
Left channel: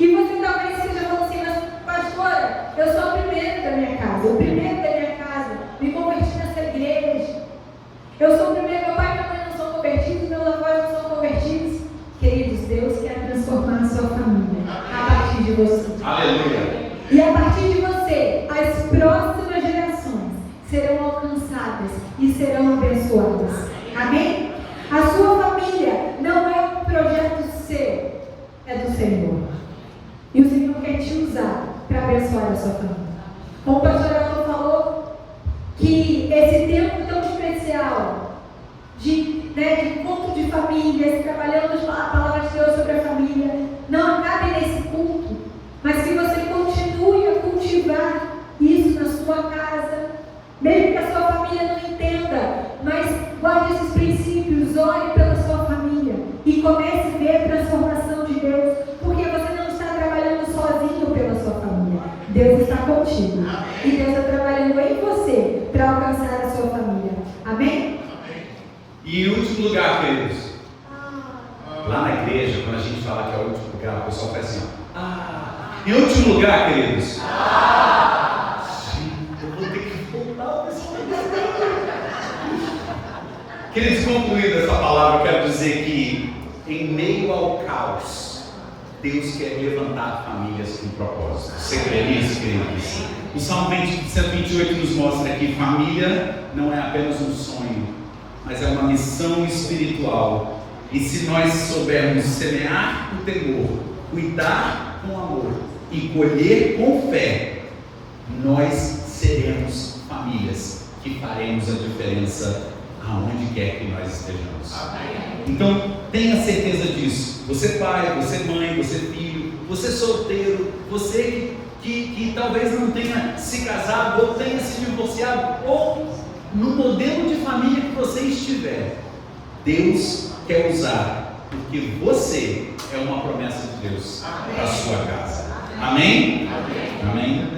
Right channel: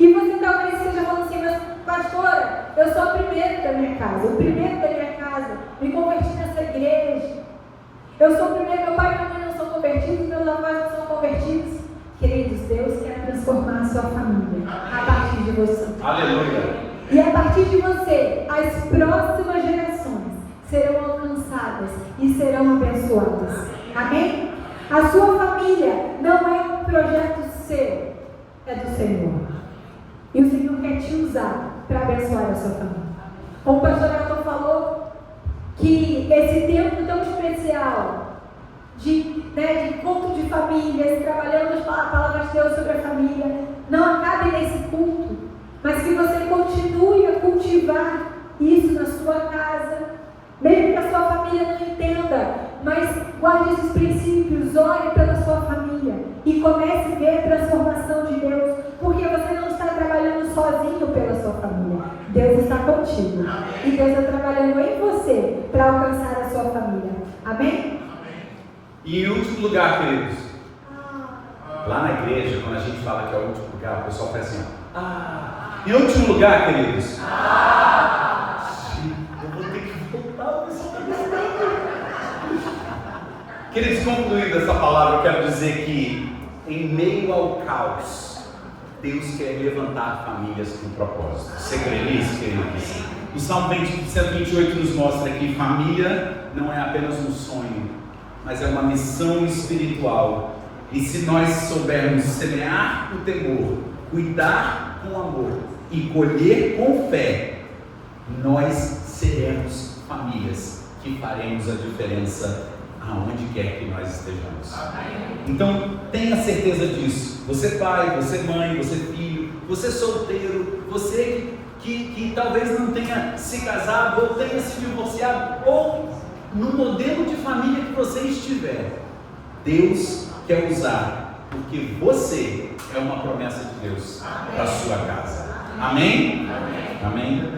E você talvez esteja falando assim, mas pastora, eu sou a primeira da minha casa, o primeiro da minha casa, me converti nessa igreja. Eu sou o primeiro, meu pai e minha mãe não são convertidos, meus avós não são convertidos. Queridos, Deus quer transformar a sua família a partir de você. Aleluia. E a partir de você, as próximas gerações serão alcançadas e serão abençoadas. Amém? A sua família não é um projeto seu, é do Senhor. E o Senhor quer te usar para abençoar a sua família. Como o pastor Elton falou, que esse tempo tão especial de encontro de famílias, trabalhando a palavra de Deus sobre a família, não acabe nesse culto, mas que você continue a cultivar isso na sua casa, mesmo que a sua família não entenda, mas guarde esses princípios, ore pela sua família e comece a ver a transformação de Deus, porque você não está trabalhando sozinho pela sua família, Deus está contigo, e Deus está trabalhando em você para alcançar a sua família. Amém? E em último lugar, queridos, lá na igreja, quando a gente fala que é o último lugar, o pessoal faz assim, ó. Em último lugar, queridos, sim, eu vou ter que voltar, o pessoal está gritando. Queridos, concluída essa palavra, eu quero dizer que em meio ao caos, Deus quer levantar famílias com propósito. Você crê nisso, queridos? O Salmo 128 nos mostra que família não é apenas um sonho, mas é uma missão espiritual. E se nós soubermos semear o temor, cuidar com amor e colher com fé, nós seremos famílias que faremos a diferença aonde quer que nós estejamos. Então, tenha certeza disso. Você pai, você mãe, você filho, você solteiro, você que talvez não tenha se casado, ou tenha se divorciado, ou no modelo de família que você estiver, Deus quer usar, porque você é uma promessa de Deus para a sua casa. Amém? Amém?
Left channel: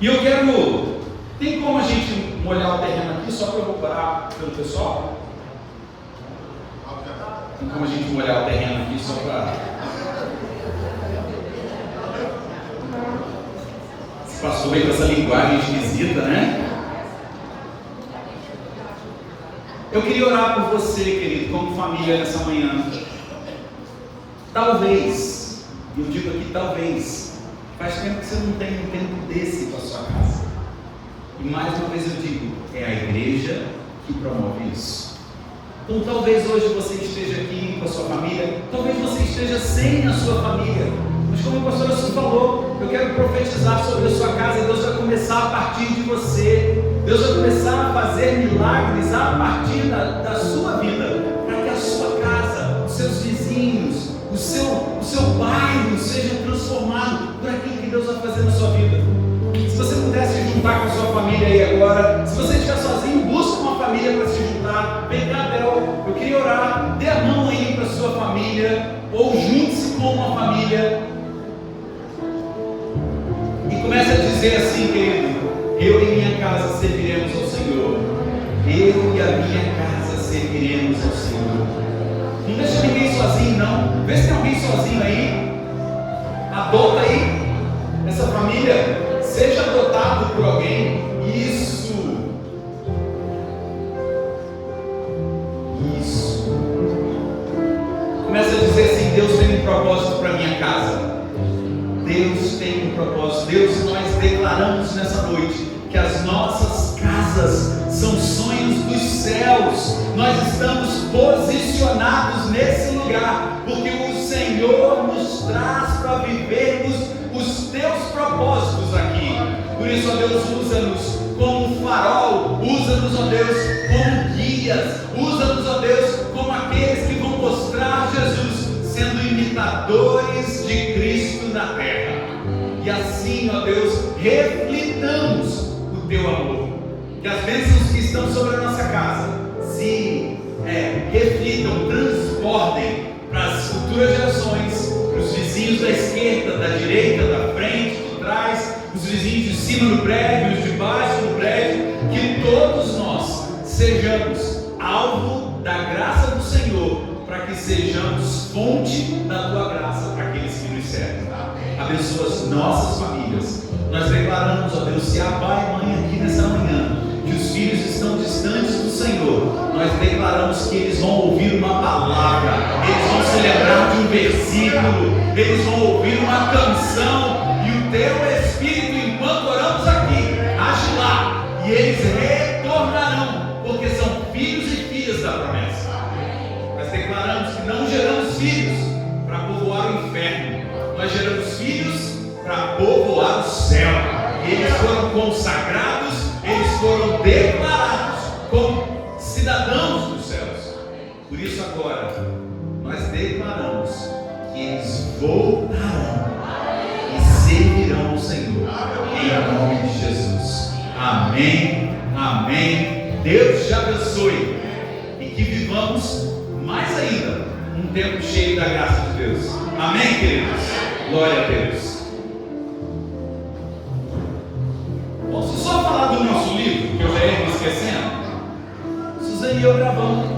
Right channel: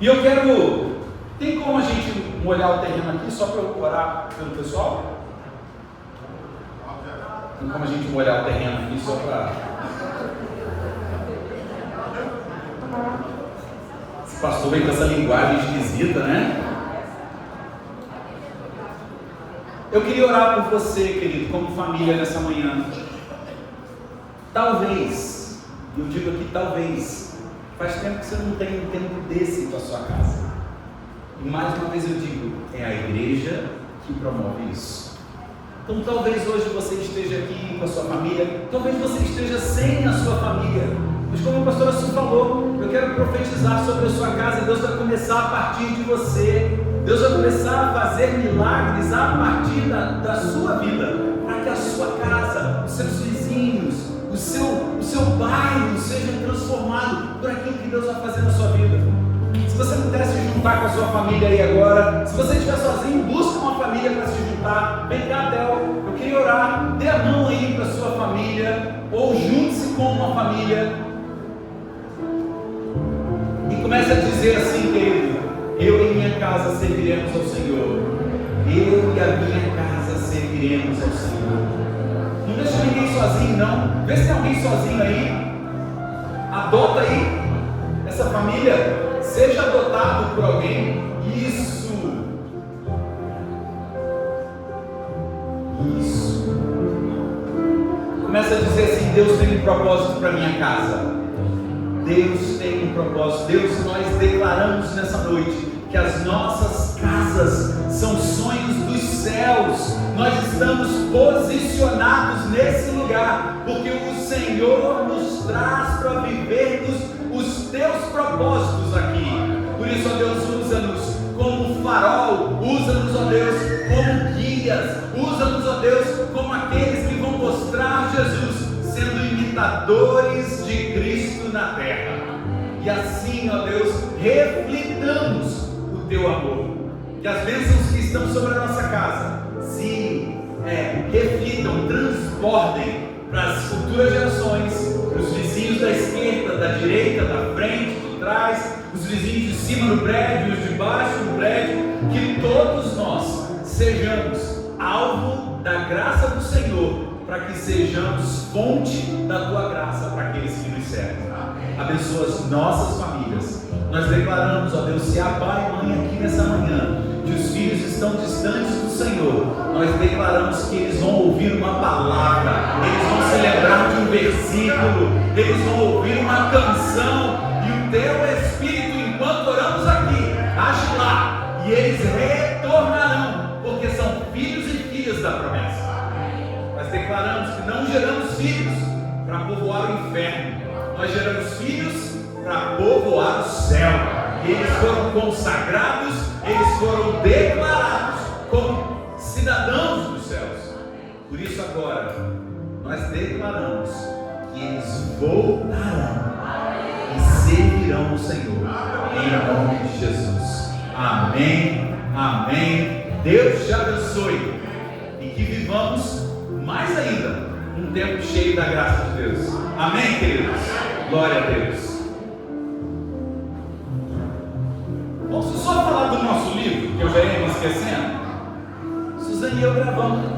E eu quero... Tem como a gente molhar o terreno aqui só para eu orar pelo pessoal? Tem como a gente molhar o terreno aqui só para... Esse pastor vem com essa linguagem esquisita, né? Eu queria orar por você, querido, como família nessa manhã. Talvez, eu digo aqui talvez, faz tempo que você não tem um tempo desse com a sua casa. E mais uma vez eu digo, é a igreja que promove isso. Então talvez hoje você esteja aqui com a sua família, talvez você esteja sem a sua família. Mas como a pastora Su falou, eu quero profetizar sobre a sua casa. Deus vai começar a partir de você. Deus vai começar a fazer milagres a partir da sua vida, para que a sua casa, os seus vizinhos, o seu bairro seja transformado por aquilo que Deus vai fazer na sua vida. Se você pudesse se juntar com a sua família aí agora, se você estiver sozinho, busca uma família para se juntar. Vem cá, Del, eu queria orar. Dê a mão aí para a sua família, ou junte-se com uma família. E comece a dizer assim, querido: eu e minha casa serviremos ao Senhor. Eu e a minha casa serviremos ao Senhor. Não deixa ninguém sozinho, não. Vê se tem alguém sozinho aí. Adota aí essa família. Seja adotado por alguém. Isso. Começa a dizer assim: Deus tem um propósito para minha casa. Deus tem um propósito. Deus, nós declaramos nessa noite que as nossas casas são sonhos dos céus. Nós estamos posicionados nesse lugar, porque o Senhor nos traz para vivermos os teus propósitos aqui. Por isso, ó Deus, usa-nos como um farol, usa-nos, ó Deus, como guias, usa-nos, ó Deus, como aqueles que vão mostrar Jesus, sendo imitadores de Cristo na terra. E assim, ó Deus, reflitamos o teu amor. Que as bênçãos que estão sobre a nossa casa se reflitam, transbordem para as futuras gerações, para os vizinhos da esquerda, da direita, da frente, de trás, os vizinhos de cima do prédio, os de baixo do prédio. Que todos nós sejamos alvo da graça do Senhor, para que sejamos fonte da tua graça para aqueles que nos servem. Abençoa as nossas famílias. Nós declaramos, ó Deus, se há pai e mãe aqui nessa manhã, que os filhos estão distantes do Senhor, nós declaramos que eles vão ouvir uma palavra, eles vão se lembrar de um versículo, eles vão ouvir uma canção, e o teu Espírito, enquanto oramos aqui, age lá, e eles retornarão, porque são filhos e filhas da promessa. Nós declaramos que não geramos filhos para povoar o inferno, nós geramos filhos para povoar o céu. E eles foram consagrados, eles foram declarados como cidadãos dos céus. Por isso agora nós declaramos que eles voltarão e servirão o Senhor, em nome de Jesus. Amém, amém. Deus te abençoe e que vivamos mais ainda um tempo cheio da graça de Deus. Amém, queridos? Glória a Deus. Posso só falar do nosso livro, que eu já ia me esquecendo? Suzane e eu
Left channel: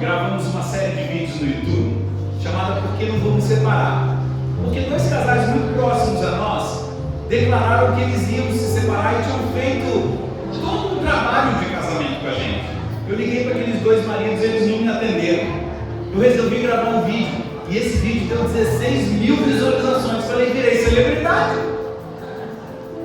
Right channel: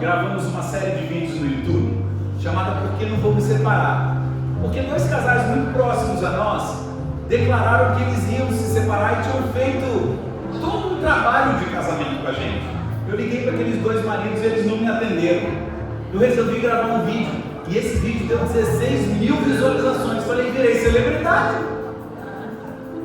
gravamos uma série de vídeos no YouTube, chamada Por que Não Vou Me Separar? Porque dois casais muito próximos a nós declararam que eles iam se separar e tinham feito todo um trabalho de casamento com a gente. Eu liguei para aqueles dois maridos e eles não me atenderam. Eu resolvi gravar um vídeo, e esse vídeo deu 16 mil visualizações. Falei, virei celebridade.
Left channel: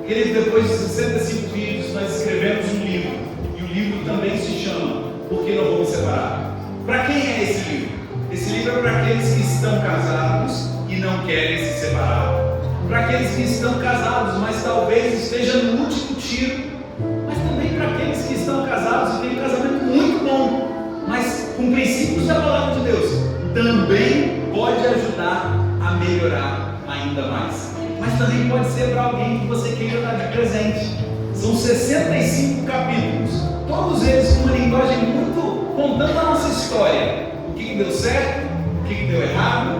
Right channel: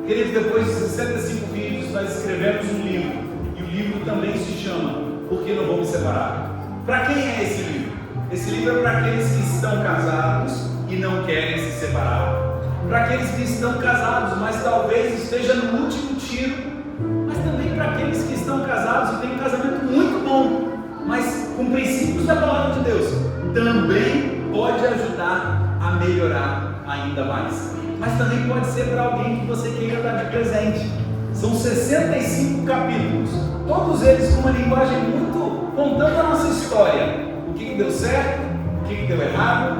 Querido, depois de 65 vídeos, nós escrevemos um livro, e o livro também se chama Por que Não Vou Me Separar? Para quem é esse livro? Esse livro é para aqueles que estão casados e não querem se separar, para aqueles que estão casados, mas talvez esteja no último tiro, mas também para aqueles que estão casados e têm um casamento muito bom, mas com princípios da palavra de Deus, também pode ajudar a melhorar ainda mais. Mas também pode ser para alguém que você queira dar de presente. São 65 capítulos, todos eles com uma linguagem muito contando a nossa história. O que deu certo, o que deu errado.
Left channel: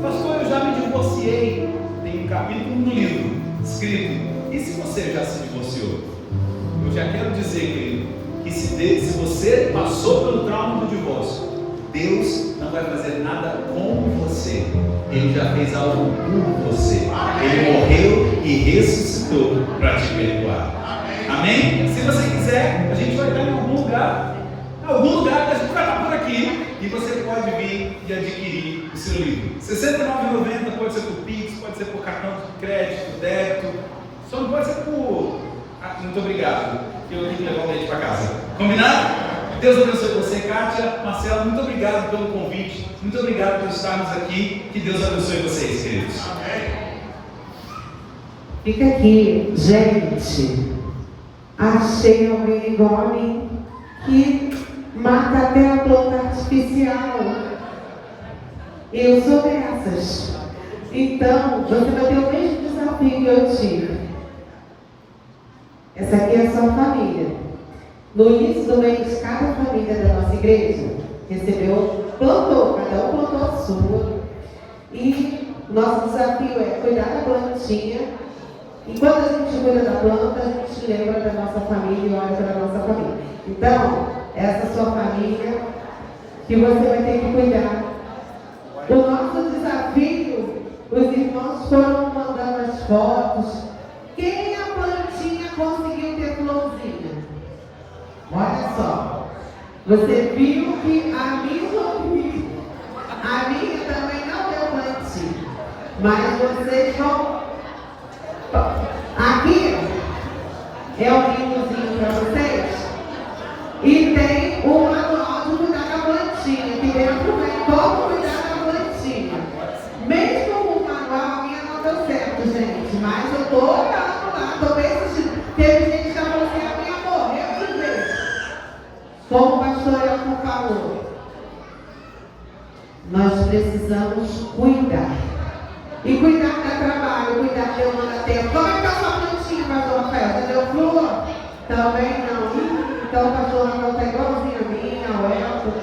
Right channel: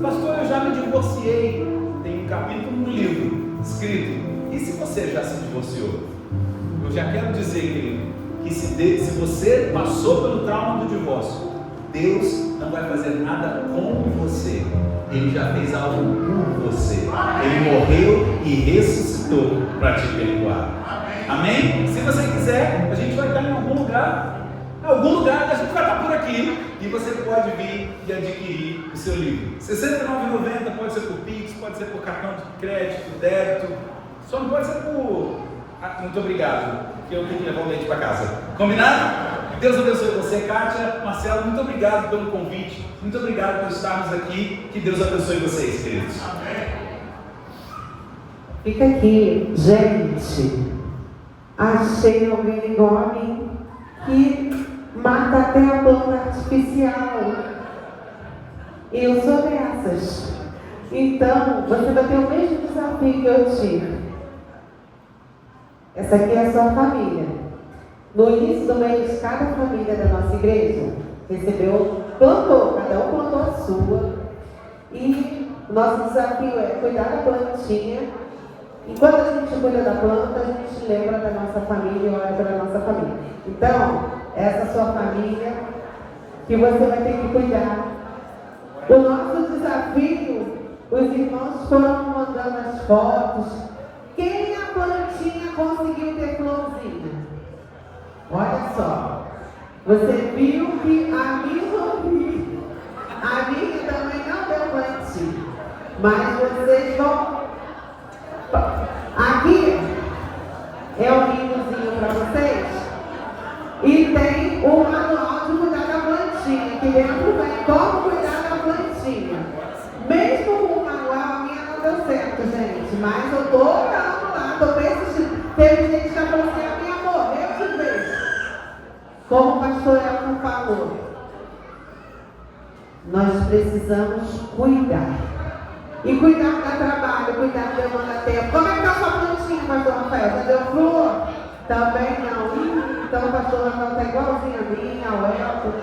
Pastor, eu já me divorciei. Tem um capítulo no livro escrito. E se você já se divorciou? Eu já quero dizer, querido, que se você passou pelo trauma do divórcio, Deus não vai fazer nada com você. Ele já fez algo por você. Ele morreu e ressuscitou para te perdoar. Amém? Se você quiser, a gente vai estar em algum lugar. A gente vai estar por aqui. E você pode vir e adquirir o seu livro. R$ 69,90, pode ser por Pix, pode ser por cartão de crédito, débito. Só não pode ser por... muito obrigado, que eu tenho que levar o leite para casa. Combinado? Deus abençoe você, Kátia, Marcelo, muito obrigado pelo convite. Muito obrigado por estarmos aqui. Que Deus abençoe vocês, queridos. Amém. Fica aqui, gente. Achei alguém igual a mim que mata até a planta artificial. Eu sou dessas. Então, você vai ter o mesmo desafio que eu tive. Essa aqui é a sua família. No início do mês, cada família da nossa igreja recebeu, plantou, cada um plantou a sua. E o nosso desafio é cuidar da plantinha. E quando a gente cuida da planta, a gente lembra da nossa família e olha para a nossa família. Então, essa sua família que você vai ter que cuidar. O nosso desafio, os irmãos foram mandando as fotos. Quem a plantinha conseguiu ter florzinha? Olha só. Você viu que a minha também não deu plantinha. Mas vocês vão... Aqui é o livrozinho para vocês. E tem o manual de cuidar da plantinha. Que dentro vem como cuidar da plantinha. Mesmo o manual, a minha não deu certo, gente. Mas eu tô lá, tô persistindo. Teve gente que falou assim, a minha morreu de vez. Como o pastor Elton falou, nós precisamos cuidar. E cuidar dá trabalho, cuidar demanda tempo. Como é que tá a sua plantinha, pastor Rafael? Deu flor? Também não. Então o pastor Rafael está igualzinho a mim, ao Elton.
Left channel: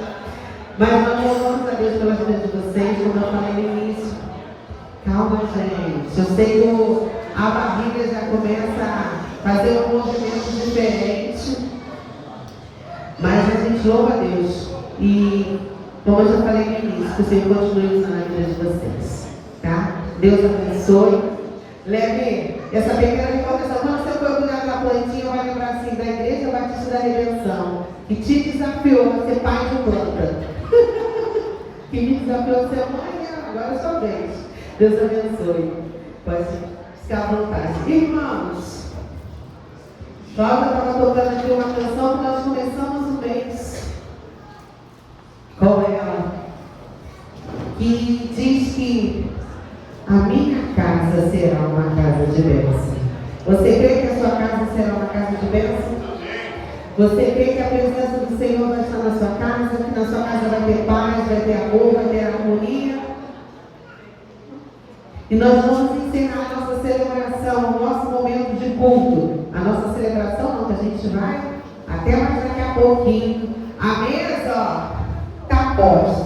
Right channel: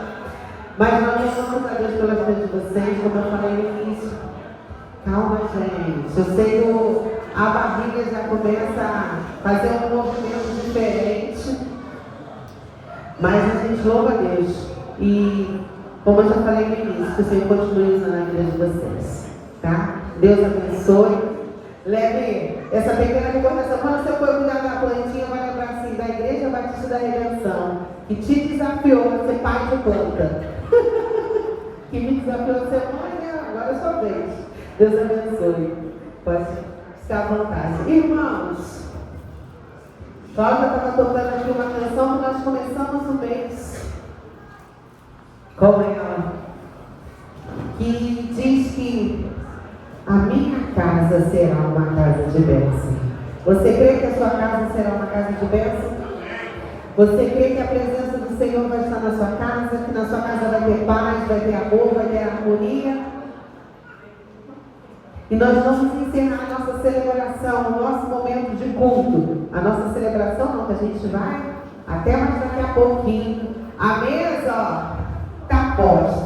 Mas nós louvamos a Deus pelas vidas de vocês, como eu falei no início. Calma, gente. Eu sei que a barriga já começa a fazer um movimento diferente. Mas a gente louva a Deus. E, como eu já falei no início, que o Senhor continue usando a vida de vocês. Tá? Deus abençoe. Leve essa pequena recordação. Quando você for cuidar da plantinha, vai lembrar assim, da Igreja Batista da Redenção, que te desafiou a ser pai de planta. Que me desafiou a ser mãe, agora é sua vez. Deus abençoe. Pode ficar à vontade. Irmãos, Cláudia estava tocando aqui uma canção que nós começamos o mês com ela, que diz que a minha casa será uma casa de bênção. Você crê que a sua casa será uma casa de bênção? Você crê que a presença do Senhor vai estar na sua casa, que na sua casa vai ter paz, vai ter amor, vai ter harmonia? E nós vamos encerrar a nossa celebração, o nosso momento de culto. A nossa celebração não, que a gente vai até mais daqui a pouquinho. A mesa, ó, está posta.